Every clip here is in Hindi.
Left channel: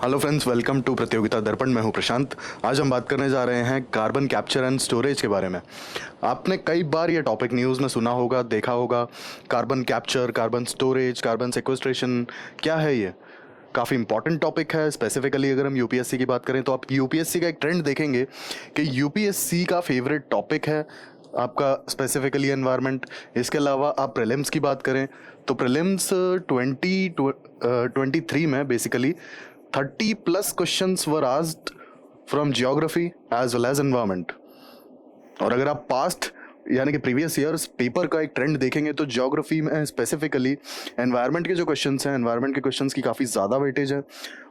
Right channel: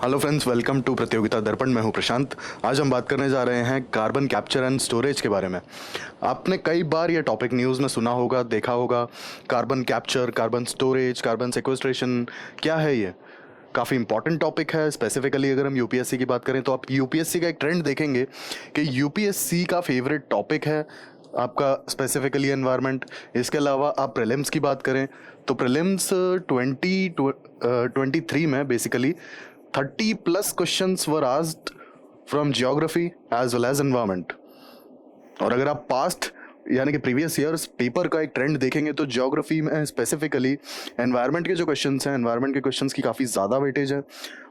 हेलो फ्रेंड्स, वेलकम टू प्रतियोगिता दर्पण। मैं हूं प्रशांत। आज हम बात करने जा रहे हैं कार्बन कैप्चर एंड स्टोरेज के बारे में। आपने कई बार ये टॉपिक न्यूज़ में सुना होगा, देखा होगा। Carbon capture, carbon storage, carbon sequestration, क्या है ये? काफ़ी इंपॉर्टेंट टॉपिक है। स्पेसिफिकली अगर हम यूपीएससी की बात करें तो आप यूपीएससी का एक ट्रेंड देखेंगे कि यूपीएससी का फेवरेट टॉपिक है आपका स्पेसिफिकली एनवायरनमेंट। इसके अलावा आप प्रीलिम्स की बात करें तो प्रीलिम्स 2023 में basically 30+ questions were asked from geography as well as environment. और अगर आप पास्ट यानी कि प्रीवियस ईयर्स पेपर का एक ट्रेंड देखेंगे तो जियोग्राफी में स्पेसिफिकली एनवायरनमेंट के जो क्वेश्चंस हैं, एनवायरनमेंट के क्वेश्चंस की काफ़ी ज़्यादा वेटेज है।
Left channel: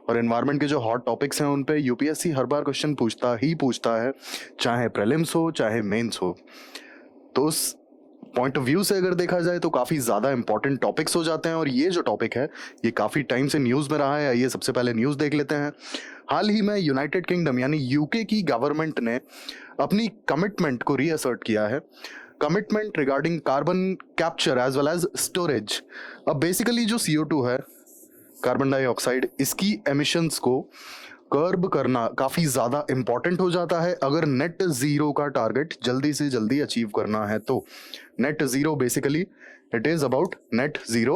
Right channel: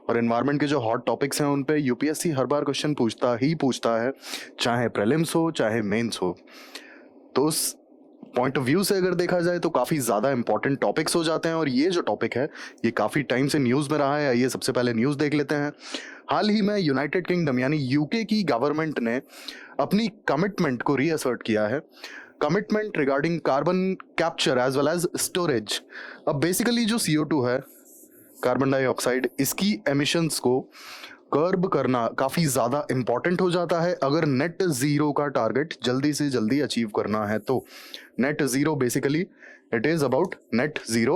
और एनवायरनमेंट के जो हॉट टॉपिक्स हैं उन पे यूपीएससी हर बार क्वेश्चन पूछता है, चाहे प्रीलिम्स हो चाहे मेंस हो। तो उस पॉइंट ऑफ व्यू से अगर देखा जाए तो काफ़ी ज़्यादा इंपॉर्टेंट टॉपिक्स हो जाते हैं। और ये जो टॉपिक है ये काफ़ी टाइम से न्यूज़ में रहा है। आइए सबसे पहले न्यूज़ देख लेते हैं। हाल ही में यूनाइटेड किंगडम यानी यूके की गवर्नमेंट ने अपनी कमिटमेंट को रीअसर्ट किया है। Commitment regarding carbon capture as well as storage. अब बेसिकली जो CO2 है, कार्बन डाइऑक्साइड, इसकी एमिशंस को कर्ब करना काफी ज्यादा इंपॉर्टेंट हो जाता है अगर नेट जीरो का टारगेट जल्दी से जल्दी अचीव करना है। तो net zero basically it is about net zero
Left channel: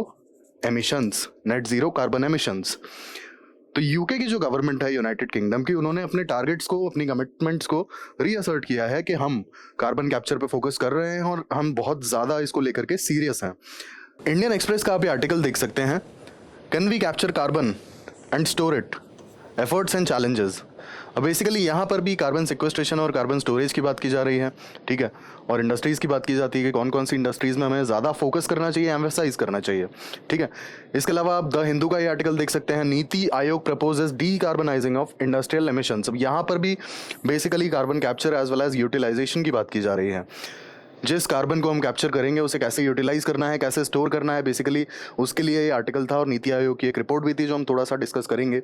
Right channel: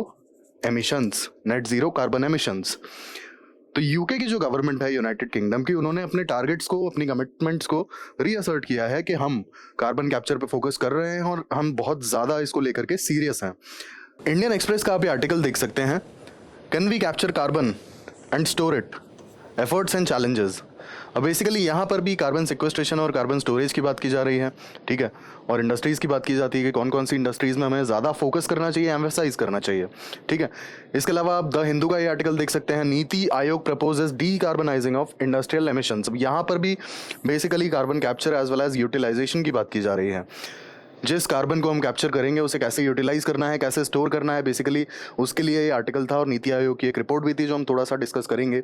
emissions, net zero carbon emissions. तो यूके की जो गवर्नमेंट है यूनाइटेड किंगडम की, उन्होंने अपने टारगेट्स को, अपनी कमिटमेंट्स को रीअसर्ट किया है कि हम कार्बन कैप्चर पे फोकस कर रहे हैं और हम बहुत ज्यादा इसको लेकर के सीरियस हैं। इंडियन एक्सप्रेस का आप ये आर्टिकल देख सकते हैं, can we capture carbon and store it, efforts and challenges. अब बेसिकली यहाँ पर भी कार्बन सिक्वेस्ट्रेशन और कार्बन स्टोरेज की बात की जा रही है, ठीक है। और इंडस्ट्रीज़ की बात की जाती है कि कौन कौन सी इंडस्ट्रीज़ में हमें ज़्यादा फोकस करना चाहिए, एम्फेसाइज करना चाहिए, ठीक है। इसके अलावा आप द हिंदू का ये आर्टिकल देख सकते हैं, NITI Aayog proposes decarbonising of industrial emissions. अब यहाँ पर भी basically carbon capture as well as utilisation की बात की जा रही है। जिस कार्बन को हम कैप्चर करेंगे उसे कैसे यूटिलाइज करना है, कैसे स्टोर करना है, बेसिकली उसके लिए ये आर्टिकल था। और नीति आयोग की एक रिपोर्ट भी थी जो हम थोड़ा सा डिस्कस करेंगे।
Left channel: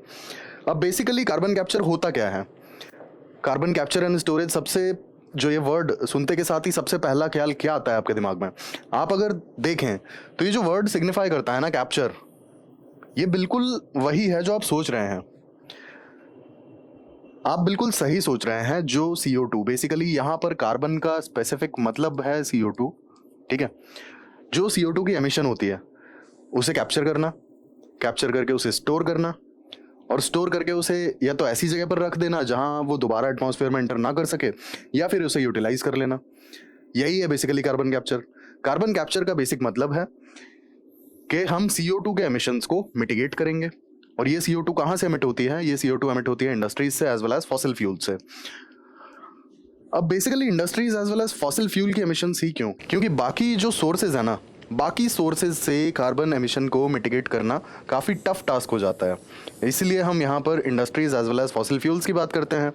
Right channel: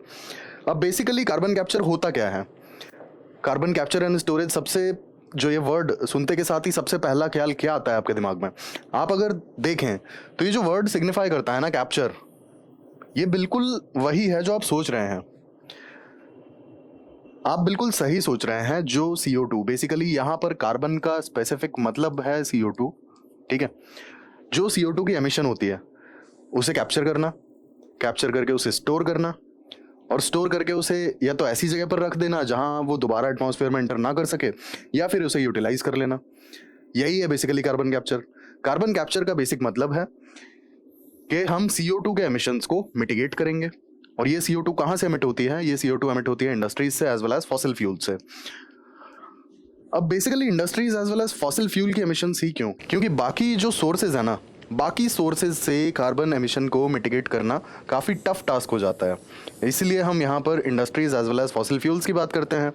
अब बेसिकली कार्बन कैप्चर होता क्या है? कार्बन कैप्चर एंड स्टोरेज, सबसे जो ये वर्ड सुनते के साथ ही सबसे पहला ख्याल क्या आता है आपके दिमाग में? आप अगर देखें तो ये जो वर्ड सिग्निफाई करता है ना, कैप्चर, ये बिल्कुल वही है जो आप सोच रहे हैं। आप बिल्कुल सही सोच रहे हैं। जो CO2 बेसिकली यहाँ पर कार्बन का स्पेसिफिक मतलब है CO2, ठीक है। जो CO2 की एमिशन होती है उसे कैप्चर करना, कैप्चर करके उसे स्टोर करना, और स्टोर करके उसे या तो ऐसी जगह पर रख देना जहां वो दोबारा एटमॉस्फेयर में एंटर ना कर सके, या फिर उसे यूटिलाइज कर लेना। यही है basically carbon capture. Carbon capture का बेसिक मतलब है कि हम CO2 के एमिशंस को मिटिगेट करेंगे। और ये CO2 कहां से एमिट होती है? ये CO2 एमिट होती है इंडस्ट्रीज से as well as fossil fuel से। अब basically industries as well as fossil fuel की एमिशंस ही क्यों? क्योंकि बाकी जो सोर्सेज है ना, बाकी सोर्सेज से कार्बन एमिशन को मिटिगेट करना काफ़ी टफ टास्क हो जाता है। इसलिए हम यहाँ पर industries as well as fossil fuels की बात करते हैं।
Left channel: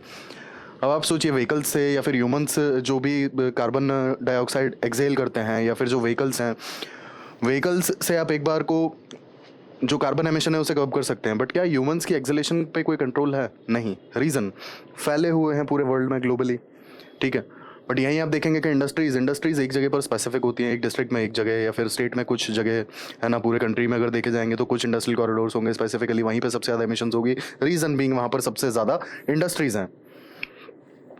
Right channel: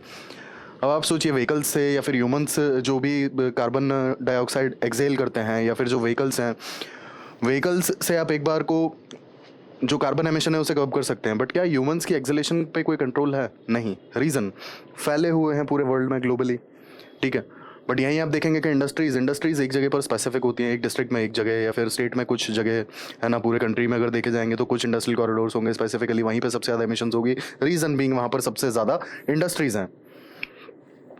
अब आप सोचिए, व्हीकल्स से या फिर ह्यूमंस जो भी कार्बन डाइऑक्साइड एक्सेल करते हैं, या फिर जो व्हीकल्स हैं, व्हीकल्स से आप एक बार को जो कार्बन एमिशन है उसे कब कर सकते हैं, बट क्या ह्यूमंस की एक्सेलेशन पे कोई कंट्रोल है? नहीं। रीज़न, फैले हुए हैं पूरे वर्ल्ड में ग्लोबली, ठीक है। बट यहीं आप देखेंगे कि इंडस्ट्रीज एक जगह पर स्पेसिफिक होती है, एक डिस्ट्रिक्ट में एक जगह, या फिर स्टेट में कुछ जगह है ना। पूरे कंट्री में अगर देखे जाएंगे तो कुछ इंडस्ट्रियल कॉरिडोर्स होंगे स्पेसिफिकली, वहीं पे सबसे ज़्यादा एमिशंस होगी। रीज़न बीइंग वहाँ पर सबसे ज़्यादा इंडस्ट्रीज हैं।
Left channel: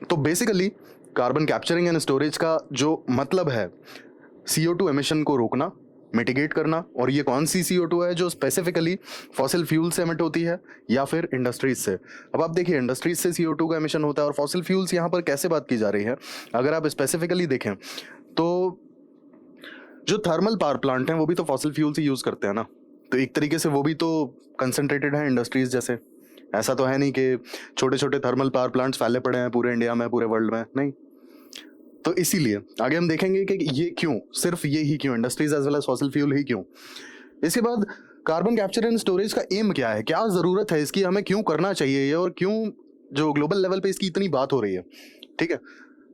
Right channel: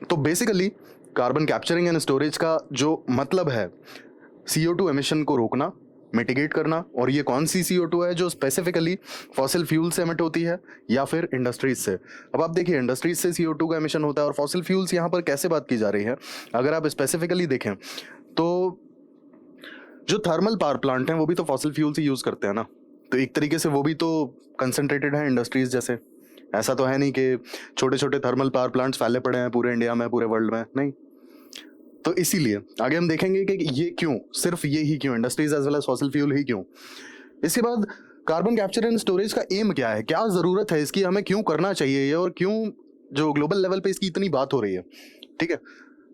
तो basically carbon capturing and storage का जो मतलब है CO2 एमिशन को रोकना, मिटिगेट करना। और ये कौन सी CO2 है जो स्पेसिफिकली फॉसिल फ्यूल से एमिट होती है या फिर इंडस्ट्रीज से? अब आप देखिए, इंडस्ट्रीज से CO2 का एमिशन होता है, और फॉसिल फ्यूल्स यहाँ पर कैसे बात की जा रही है अगर आप स्पेसिफिकली देखें तो जो थर्मल पावर प्लांट हैं वो भी तो फॉसिल फ्यूल्स ही यूज करते हैं ना। तो एक तरीके से वो भी तो कंसंट्रेटेड है इंडस्ट्रीज जैसे। ऐसा तो है नहीं कि छोटे छोटे थर्मल पावर प्लांट्स फैले पड़े हैं पूरे इंडिया में, पूरे वर्ल्ड में, नहीं। तो इसीलिए आगे हम देखेंगे कि ये क्यों, सिर्फ ये ही क्यों, industries as well as fossil fuel ही क्यों। इसके बाद कार्बन कैप्चर एंड स्टोरेज का एम क्या है, क्या जरूरत है इसकी, हमें क्यों करना चाहिए ये, और क्यों जो ग्लोबल लेवल पे इसकी इतनी बात हो रही है, ठीक है।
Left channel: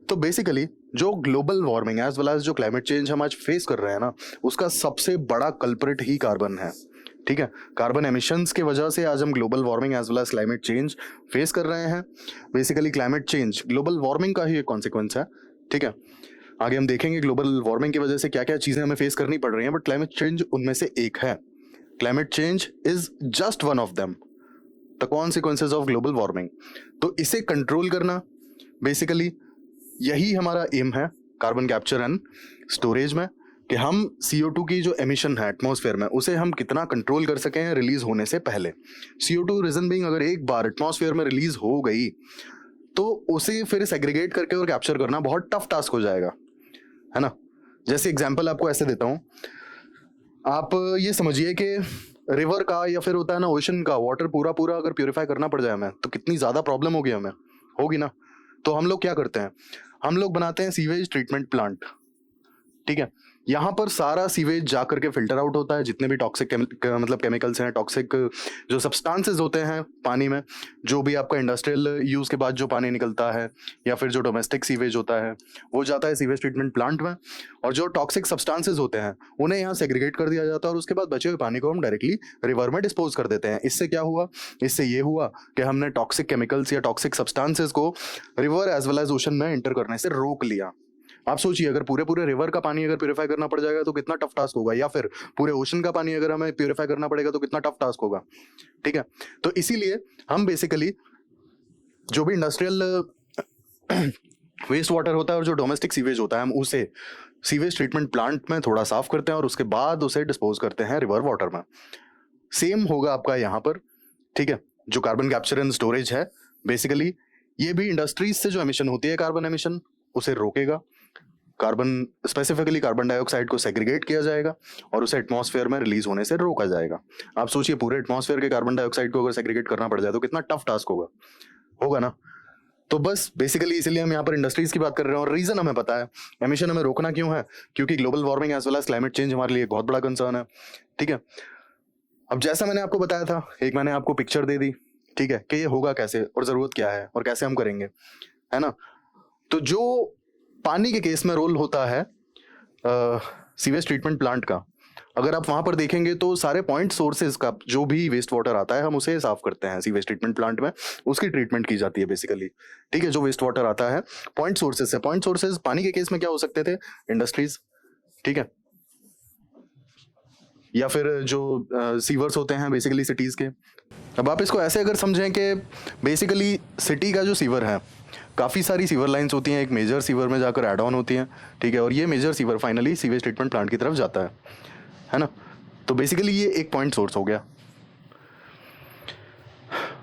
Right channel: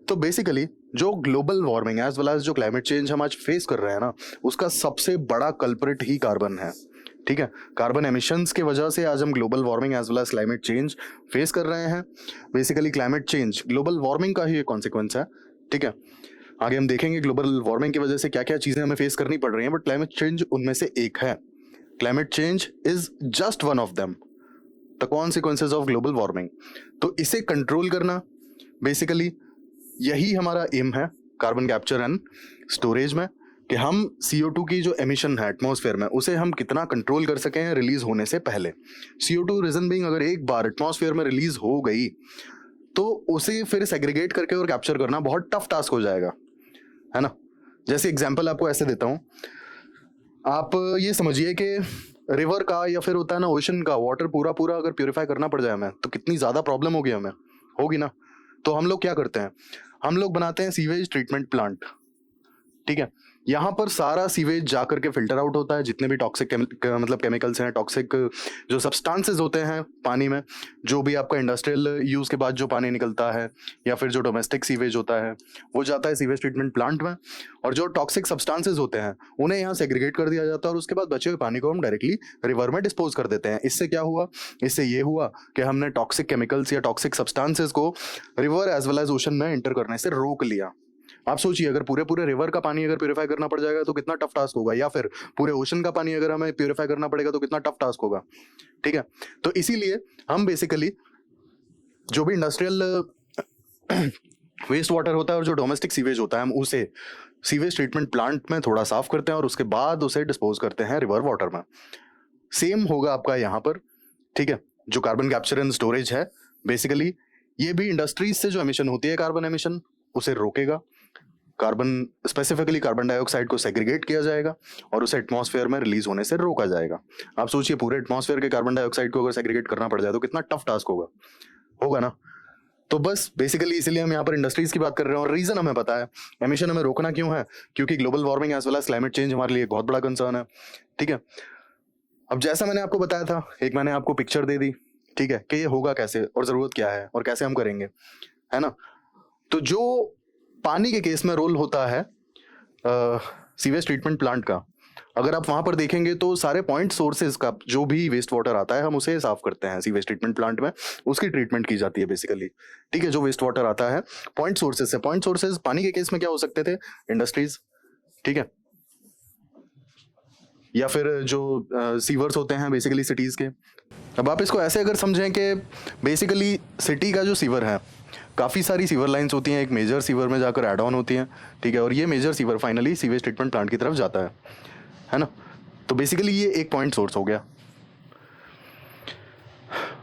तो बेसिकली जो global warming as well as जो क्लाइमेट चेंज हम आज फेस कर रहे हैं ना, उसका सबसे बड़ा कल्प्रिट ही कार्बन है, ठीक है। कार्बन एमिशंस की वजह से आज हम global warming as well as climate change face कर रहे हैं। Basically climate change global warming का ही एक कॉन्सिक्वेंस है, ठीक है। आगे हम देखेंगे ग्लोबल वार्मिंग की वजह से क्या क्या चीजें हमें फेस करनी पड़ रही हैं, बट क्लाइमेट चेंज उनमें से एक है। Climate change is just one of them, the consequences of global warming. तो इसे कंट्रोल करना बेसिकली यही हमारा एम है कार्बन कैप्चर एंड स्टोरेज में, कि हम CO2 की जो एमिशन है एटमॉस्फेयर में उसे हम कितना कंट्रोल कर सकें रिलीज होने से पहले। CO2 रीजन बीइंग, अगर एक बार एटमॉस्फेयर में रिलीज हो गई तो उसे फिर सेग्रीगेट करके और कैप्चर करना बहुत टफ टास्क हो जाएगा, है ना। जैसे एग्जांपल आपको ऐसे देता हूँ, आप ये समझिए कि रिवर का या फिर होता है ना ओशन का वाटर पूरा पूरा अगर प्यूरिफाई करना पड़ जाए हमें तो कितनी ज्यादा प्रॉब्लम होगी, हमें होगी ना। तो हम लोग क्या करते हैं, हम लोग बनाते हैं सीवेज ट्रीटमेंट प्लांट, ठीक है। यहाँ पर सारा सीवेज जा करके फिल्टर आउट होता है, जितने भी टॉक्सिक मतलब केमिकल्स हैं, टॉक्सिक जो सब्सटेंसेस होते हैं पानी में, जो भी आपका इंडस्ट्रियल यूज के बाद जो पानी निकलता है या फिर जो डोमेस्टिक सीवेज होता है वो जाता है सीवेज ट्रीटमेंट प्लांट में, और जो टॉक्सिक सब्सटेंसेस होते हैं उन्हें यहाँ सेग्रीगेट कर दिया जाता है और उसके बाद बचे हुए पानी को हम डायरेक्टली रिवर में डिस्पोज कर देते हैं। इससे क्या हुआ, इससे ये हुआ कि हमने टॉक्सिक केमिकल्स या टॉक्सिक सब्सटेंसेस को river as well as ocean में एंटर करने से रोक लिया। आप सोचिए, अगर पूरे पूरे रिवर का पानी अगर प्यूरिफाई करना पड़ जाएगा तो कितना टफ टास्क होगा, या फिर पूरे ओशन का पानी अगर हमें प्यूरिफाई करना पड़ेगा तो कितना टफ टास्क होगा, ठीक है। तो इसीलिए हम बेसिकली जो भी इंडस्ट्रियल वेस्ट वाटर होता है और जो डोमेस्टिक सीवेज होता है हम उसे सीवेज ट्रीटमेंट प्लांट में थोड़ा साफ करते हैं और उसके बाद उसे डिस्पोज करते हैं रिवर वाटर में। सेम होगा आपका यहाँ पर, ठीक है। जो कार्बन कैप्चर एंड स्टोरेज है बेसिकली ये भी इंडस्ट्रीज से जो एमिशन होती है कार्बन एमिशन उसे रोकेगा। कार्बन स्पेसिफिकली कार्बन डाइऑक्साइड को सेग्रीगेट किया जाएगा और उसे एटमॉस्फेयर में रिलीज होने से रोका जाएगा। आप सोचिए, पूरे एटमॉस्फेयर के कार्बन डाइऑक्साइड को अगर सेग्रीगेट करना पड़ जाए तो कितना टफ टास्क होगा ना। तो बस बेसिकली इसलिए हम यहाँ पर इंडस्ट्रीज की बात कर रहे हैं, और रीजन हमें पता है एमिशन हमें रोकना क्यों है, क्योंकि global warming as well as climate change हमारे लिए एक बहुत बड़ा कंसर्न है, ठीक है। अब जैसा मैंने आपको बताया था, एक मैंने आपको पिक्चर दे दी, ठीक है, कि ये होगा कैसे और जरूरत क्या है और कैसे हम करेंगे, है ना। तो जो पानी के केस में रोल होता है सीवेज ट्रीटमेंट प्लांट का, अगर आप वहां पर देखेंगे तो सारे पॉइंट सोर्सेज का जो भी वेस्ट वाटर आता है हम उसे साफ करते हैं सीवेज ट्रीटमेंट प्लांट में, उसकी ट्रीटमेंट की जाती है बेसिकली, ठीक है। जो वेस्ट वाटर आता है पॉइंट सोर्सेज से, पॉइंट सोर्सेज पानी के केस में क्या हो सकते थे, इंडस्ट्रीज, ठीक है, या फिर जो सीवर्स होते हैं बेसिकली सिटीज के। अब आप इसको ऐसे अगर समझें कि बेसिकली सिटी का जो सीवर है, काफ़ी सारी सीवर लाइंस होती हैं, एक मेजर सीवर में जाकर ऐड ऑन होती हैं, ठीक है, और ये major sewer finally sewage treatment plant की तरफ जाता है ना। तो बेसिकली ये एक पॉइंट सोर्स हो गया।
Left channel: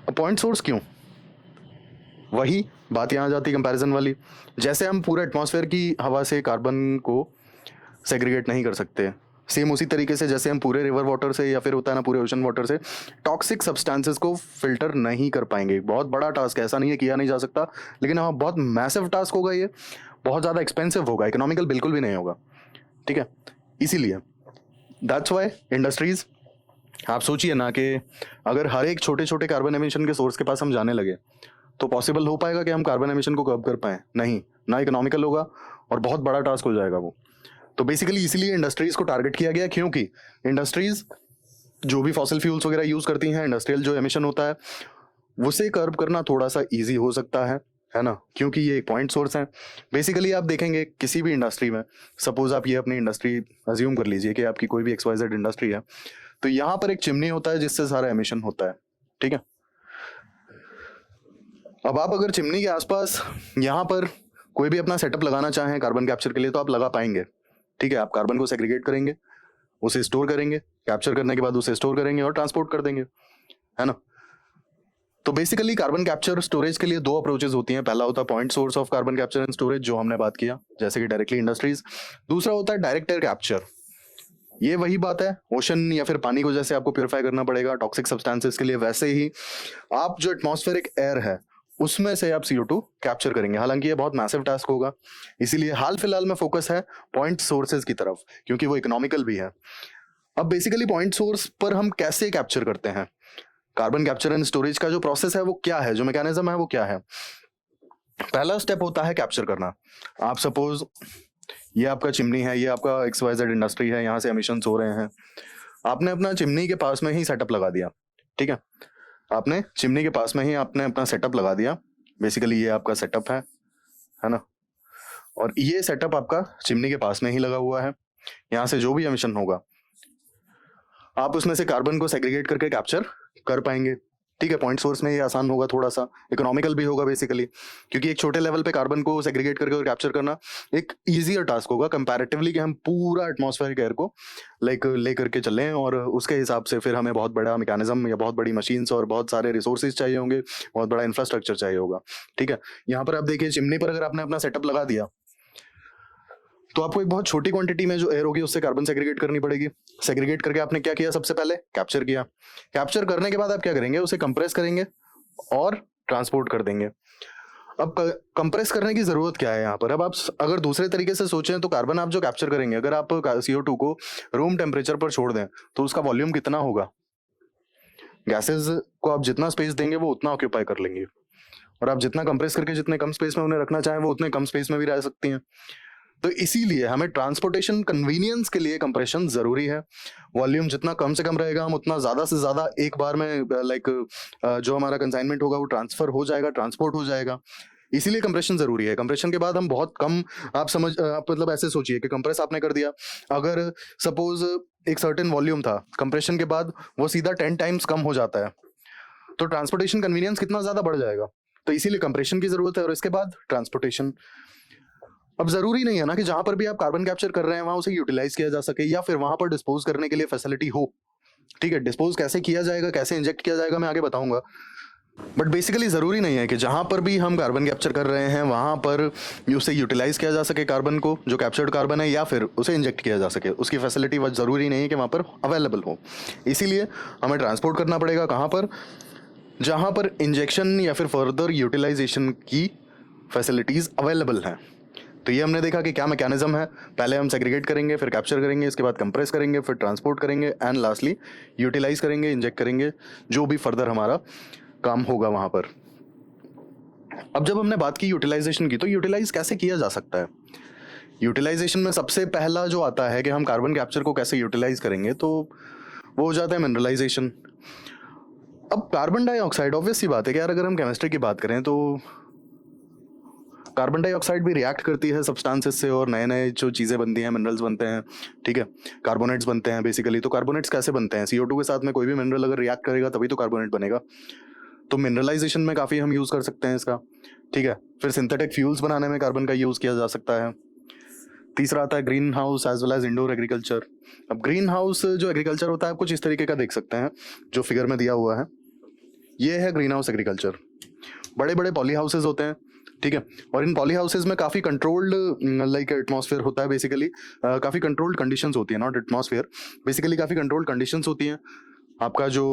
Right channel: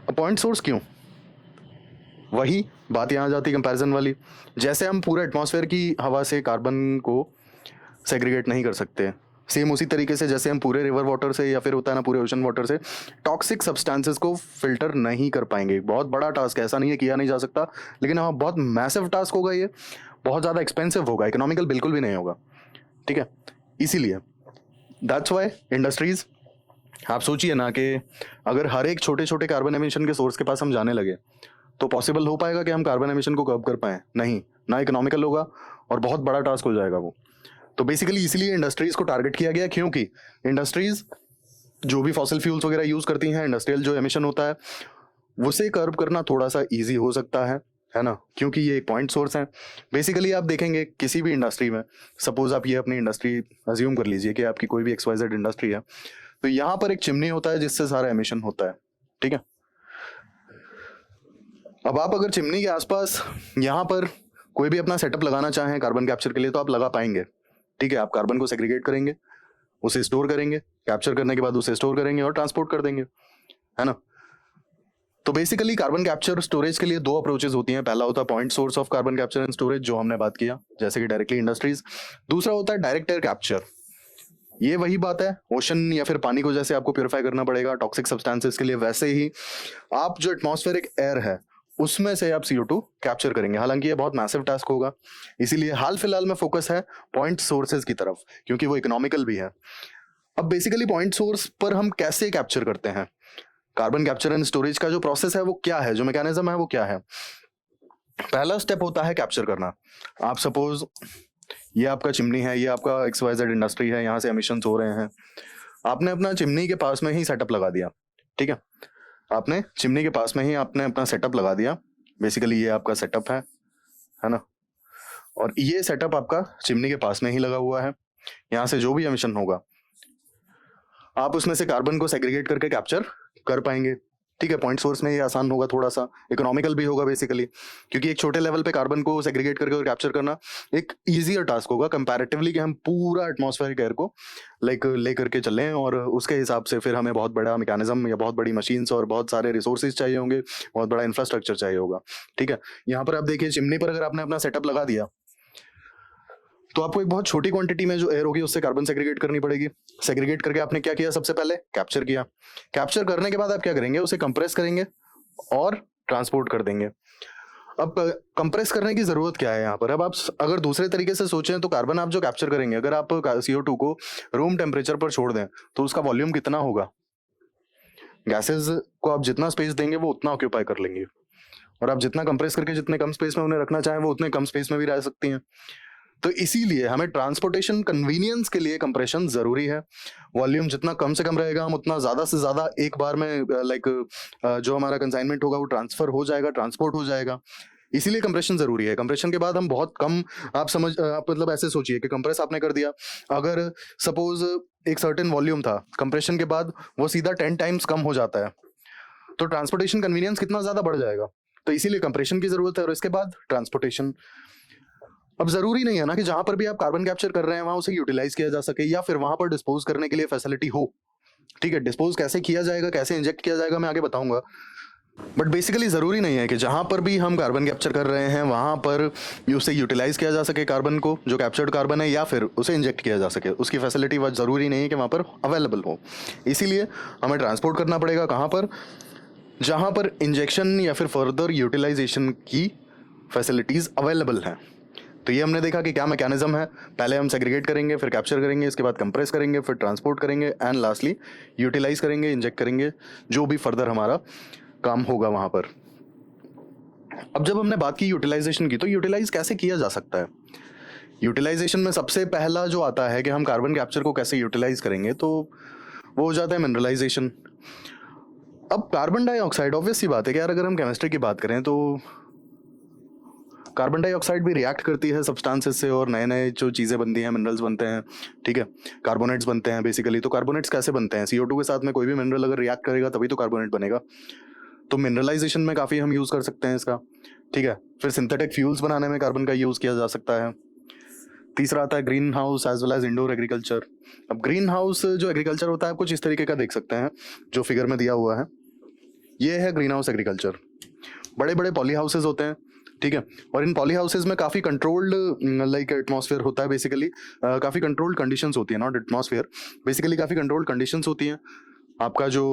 अब पॉइंट सोर्स क्यों, वही बात यहाँ जाती है कंपैरिजन वाली। जैसे हम पूरे एटमॉस्फेयर की हवा से कार्बन को सेग्रीगेट नहीं कर सकते, सेम उसी तरीके से जैसे हम पूरे रिवर वाटर से या फिर होता है ना पूरे ओशन वाटर से टॉक्सिक सब्सटेंसेस को फिल्टर नहीं कर पाएंगे। बहुत बड़ा टास्क है, ऐसा नहीं है किया नहीं जा सकता, लेकिन हाँ बहुत मैसिव टास्क होगा, ये बहुत ज़्यादा एक्सपेंसिव होगा, इकोनॉमिकल बिल्कुल भी नहीं होगा, ठीक है। इसीलिए दैट्स व्हाई इंडस्ट्रीज, आप सोचिए ना कि अगर हर एक छोटे छोटे कार्बन एमिशन के सोर्स के पास हम जाने लगे तो पॉसिबल हो पाएगा कि हम कार्बन एमिशन को कम कर पाए, नहीं ना, इकोनॉमिकल होगा और बहुत बड़ा टास्क हो जाएगा वो। तो बेसिकली इसीलिए इंडस्ट्रीज को टारगेट किया गया, क्योंकि इंडस्ट्रीज जो भी फॉसिल फ्यूल्स वगैरह यूज करती हैं, इंडस्ट्रियल जो एमिशन होता है उसे कर्ब करना थोड़ा सा इजी हो सकता है ना, क्योंकि ये एक पॉइंट सोर्स है। बेसिकली आप देखेंगे किसी भी इंडस्ट्री में, सपोज आप ये अपनी इंडस्ट्री अज्यूम कर लीजिए कि आपकी कोई भी XYZ इंडस्ट्री है, तो यहाँ पर एक चिमनी होता है जिससे सारा एमिशन होता है, ठीक है। अब आप अगर चिमनी के आसपास यहाँ पर कोई भी अपना सेटअप लगाना चाहें कार्बन कैप्चर के लिए तो आप लगा पाएंगे, ठीक है। आप कार्बन को सेग्रीगेट करेंगे, उसे स्टोर करेंगे, कैप्चर करने के बाद उसे स्टोर करेंगे और ट्रांसपोर्ट कर देंगे, है ना। तो बेसिकली कार्बन कैप्चर स्टोरेज के लिए दो अप्रोचेस होती हैं। पहला होता है point source of carbon capture and storage, जो हमने बात किया, जैसे कि डायरेक्टली इंडस्ट्रीज। दूसरा होता है डायरेक्ट एयर कैप्चर, ये वही बात है, ओशन या फिर पानी को जैसे आपको प्यूरिफाई करना पड़ेगा टॉक्सिक सब्सटेंसेस के लिए, वैसे ही आप जो एटमॉस्फेरिक एयर है उसमें से आप CO2 कैप्चर करेंगे। हालांकि ये बहुत मैसिव टास्क होगा, इसीलिए हाल फिलहाल में फोकस है पॉइंट सोर्सेज की तरफ, क्योंकि वो इकोनॉमिकल भी है। अब बेसिकली पॉइंट सोर्स पर हम कैसे कैप्चर करते हैं, कार्बन कैप्चर एंड स्टोरेज का जो प्रोसेस है वो क्या है, जो मैकेनिज्म है वो क्या है। पहला स्टेप होता है कैप्चर करना। आप सपोज ये आपका चिमनी है, ये आपका XYZ इंडस्ट्री है, यहाँ से एमिशंस हो रहे हैं, आपने अपना चिमनी के पास में ही सेटअप लगा दिया, ठीक है। आपने चिमनी के पास में ही आपने अपना सेटअप लगा दिया, बेसिकली ये आपका सेटअप है ना, और ये सेटअप आपका चिमनी के पास में ही लगा हुआ है। यहाँ से जो भी एमिशन होगा आप उसमें से कार्बन को सेग्रीगेट करके कैप्चर कर पाएंगे, ठीक है, पॉइंट सोर्स में ये आसान होगा, थोड़ा सा इकोनॉमिकल भी होगा बेसिकली, क्योंकि एक छोटे लेवल पे कार्बन को सेग्रीगेट करके और कैप्चर करना एक इजियर टास्क होगा कंपैरेटिवली, कि हम पूरा एटमॉस्फेरिक एयर को ले करके चलें, और उसके हिसाब से फिर हमें बहुत बड़ा मैकेनिज्म या बहुत बड़ी मशीन्स और बहुत सारे रिसोर्सेज चाहिए होंगे, बहुत बड़ा इंफ्रास्ट्रक्चर चाहिए होगा। ठीक है, यहाँ पर आप देखिए चिमनी पर अगर आपने अपना सेटअप लगा दिया तो आपको एक बहुत छोटी क्वांटिटी में जो एयर होगी उससे कार्बन सेग्रीगेट करनी पड़ेगी। सेग्रीगेट करके आपने क्या किया, सबसे पहले कैप्चर किया। कैप्चर करने के बाद आप क्या करेंगे, उसे कंप्रेस करेंगे और ट्रांसपोर्ट कर देंगे। अब कंप्रेस करने की जरूरत क्या है यहाँ पर, अब आप अगर दूसरे तरीके से सोचें तो कार्बन आप जो कैप्चर करेंगे, अगर आप CO2 को रूम टेम्परेचर पर छोड़ दें तो उसका वॉल्यूम कितना होगा, गैसेस को आप जितना स्पेस देंगे वो उतना ऑक्यूपाई कर लेंगे, और आप जितना कंप्रेस करके जितने कम स्पेस में उन्हें रखना चाहें वो उतने कम स्पेस में भी रह सकती हैं। तो इसीलिए हमें ट्रांसपोर्टेशन कन्वीनियंस के लिए कंप्रेशन जरूरी है। वॉल्यूम जितना कम से कम रहेगा, हम उतना ज्यादा से ज्यादा एक बार में जो हमारा कंसाइनमेंट होगा वो ट्रांसफर हो जाएगा, ट्रांसपोर्ट हो जाएगा। इसीलिए कंप्रेशन जरूरी है। कंप्रेशन के बाद हम बहुत कम, आप मतलब ऐसे सोचिए कि कंप्रेस आपने कर दिया, अगर सपोज एक सर्टेन वॉल्यूम था, कंप्रेशन के बाद वो सीधा 10 टाइम्स कम हो जाता है, तो ट्रांसपोर्टेशन कन्वीनियंस कितना ज्यादा बढ़ जाएगा। तो इसीलिए कंप्रेशन की जरूरत है, और इसके बाद ट्रांसपोर्टेशन। अब जरूरी नहीं है ना कि जहां पर भी आप कार्बन कैप्चर कर रहे हैं वहां उसे यूटिलाइज किया जा सके या फिर वहां पर डिस्पोज करने के लिए फैसिलिटी हो। ठीक है, डिस्पोज कैसे किया जाएगा, कैसे इंजेक्ट किया जाएगा, मैं आगे बताऊंगा। बट बेसिकली जरूरी नहीं है कि जहां पर भी हम कार्बन कैप्चर कर रहे हैं वहां पर उसे यूटिलाइज किया जा सके, कार्बन को, जो कैप्चर्ड कार्बन है, या फिर उसे इंजेक्ट किया जा सके। उसकी फैसिलिटी वो जरूरी नहीं है कि वहां पर अवेलेबल हो। इसीलिए हमें ट्रांसपोर्ट करना पड़ेगा कहां पर, जहां पर इंजेक्शन या फिर फर्दर यूटिलाइजेशन की फैसिलिटीज अवेलेबल हैं। तो ये हमने देखा कि क्या मैकेनिज्म है। पहले हम सेग्रीगेट करेंगे, फिर कैप्चर करेंगे, इसके बाद कंप्रेस करेंगे, फिर ट्रांसपोर्ट करेंगे, एंड लास्टली यूटिलाइज करेंगे, इंजेक्ट करेंगे, जो भी फर्दर हमारा काम होगा वहां पर। अब जब हमने बात की यूटिलाइजेशन की, तो यूटिलाइज कैसे किया जा सकता है। यूटिलाइजेशन में सबसे पहला जो आता है कि हम कार्बन कैप्चर को कैसे यूटिलाइज करेंगे, तो वो हो जाता है मिनरलाइजेशन। अब कार्बन डाइऑक्साइड, ऑब्वियस सी बात है कि यार अगर हम केमिस्ट्री की बात करें तो कार्बन डाइऑक्साइड भी रिएक्ट करती है सब्सटेंसेस से, और नए नए जो चीजें बनती हैं, मिनरल्स बनते हैं। ठीक है, कार्बोनेट्स बनते हैं बेसिकली। तो कार्बोनेट्स कैसे बनते हैं, CO2 के साथ में कोई भी मिनरल अगर रिएक्ट करेगा तभी तो कार्बोनेट बनेगा। तो मिनरलाइजेशन में काफी हम यूज कर सकते हैं इसका। ठीक है, फिर सिंथेटिक फ्यूल्स बनाने में कार्बन का यूज किया जा सकता है। तीसरा आता है green house as well as indoor agriculture. अब ग्रीन हाउस जो एग्रीकल्चर होता है, आप कुछ इस तरीके का देख सकते हैं जो फिगर में दिया हुआ है। ये है ग्रीन हाउस एग्रीकल्चर। बड़े बड़े पॉली हाउसेज होते हैं। ठीक है, और इन पॉली हाउसेज में काफी कंट्रोल्ड एटमॉस्फेयर होता है बेसिकली, काफी कंट्रोल्ड कंडीशंस होती है, नॉट एटमॉस्फेयर, बेसिकली काफी कंट्रोल्ड कंडीशंस होती हैं। आपका जो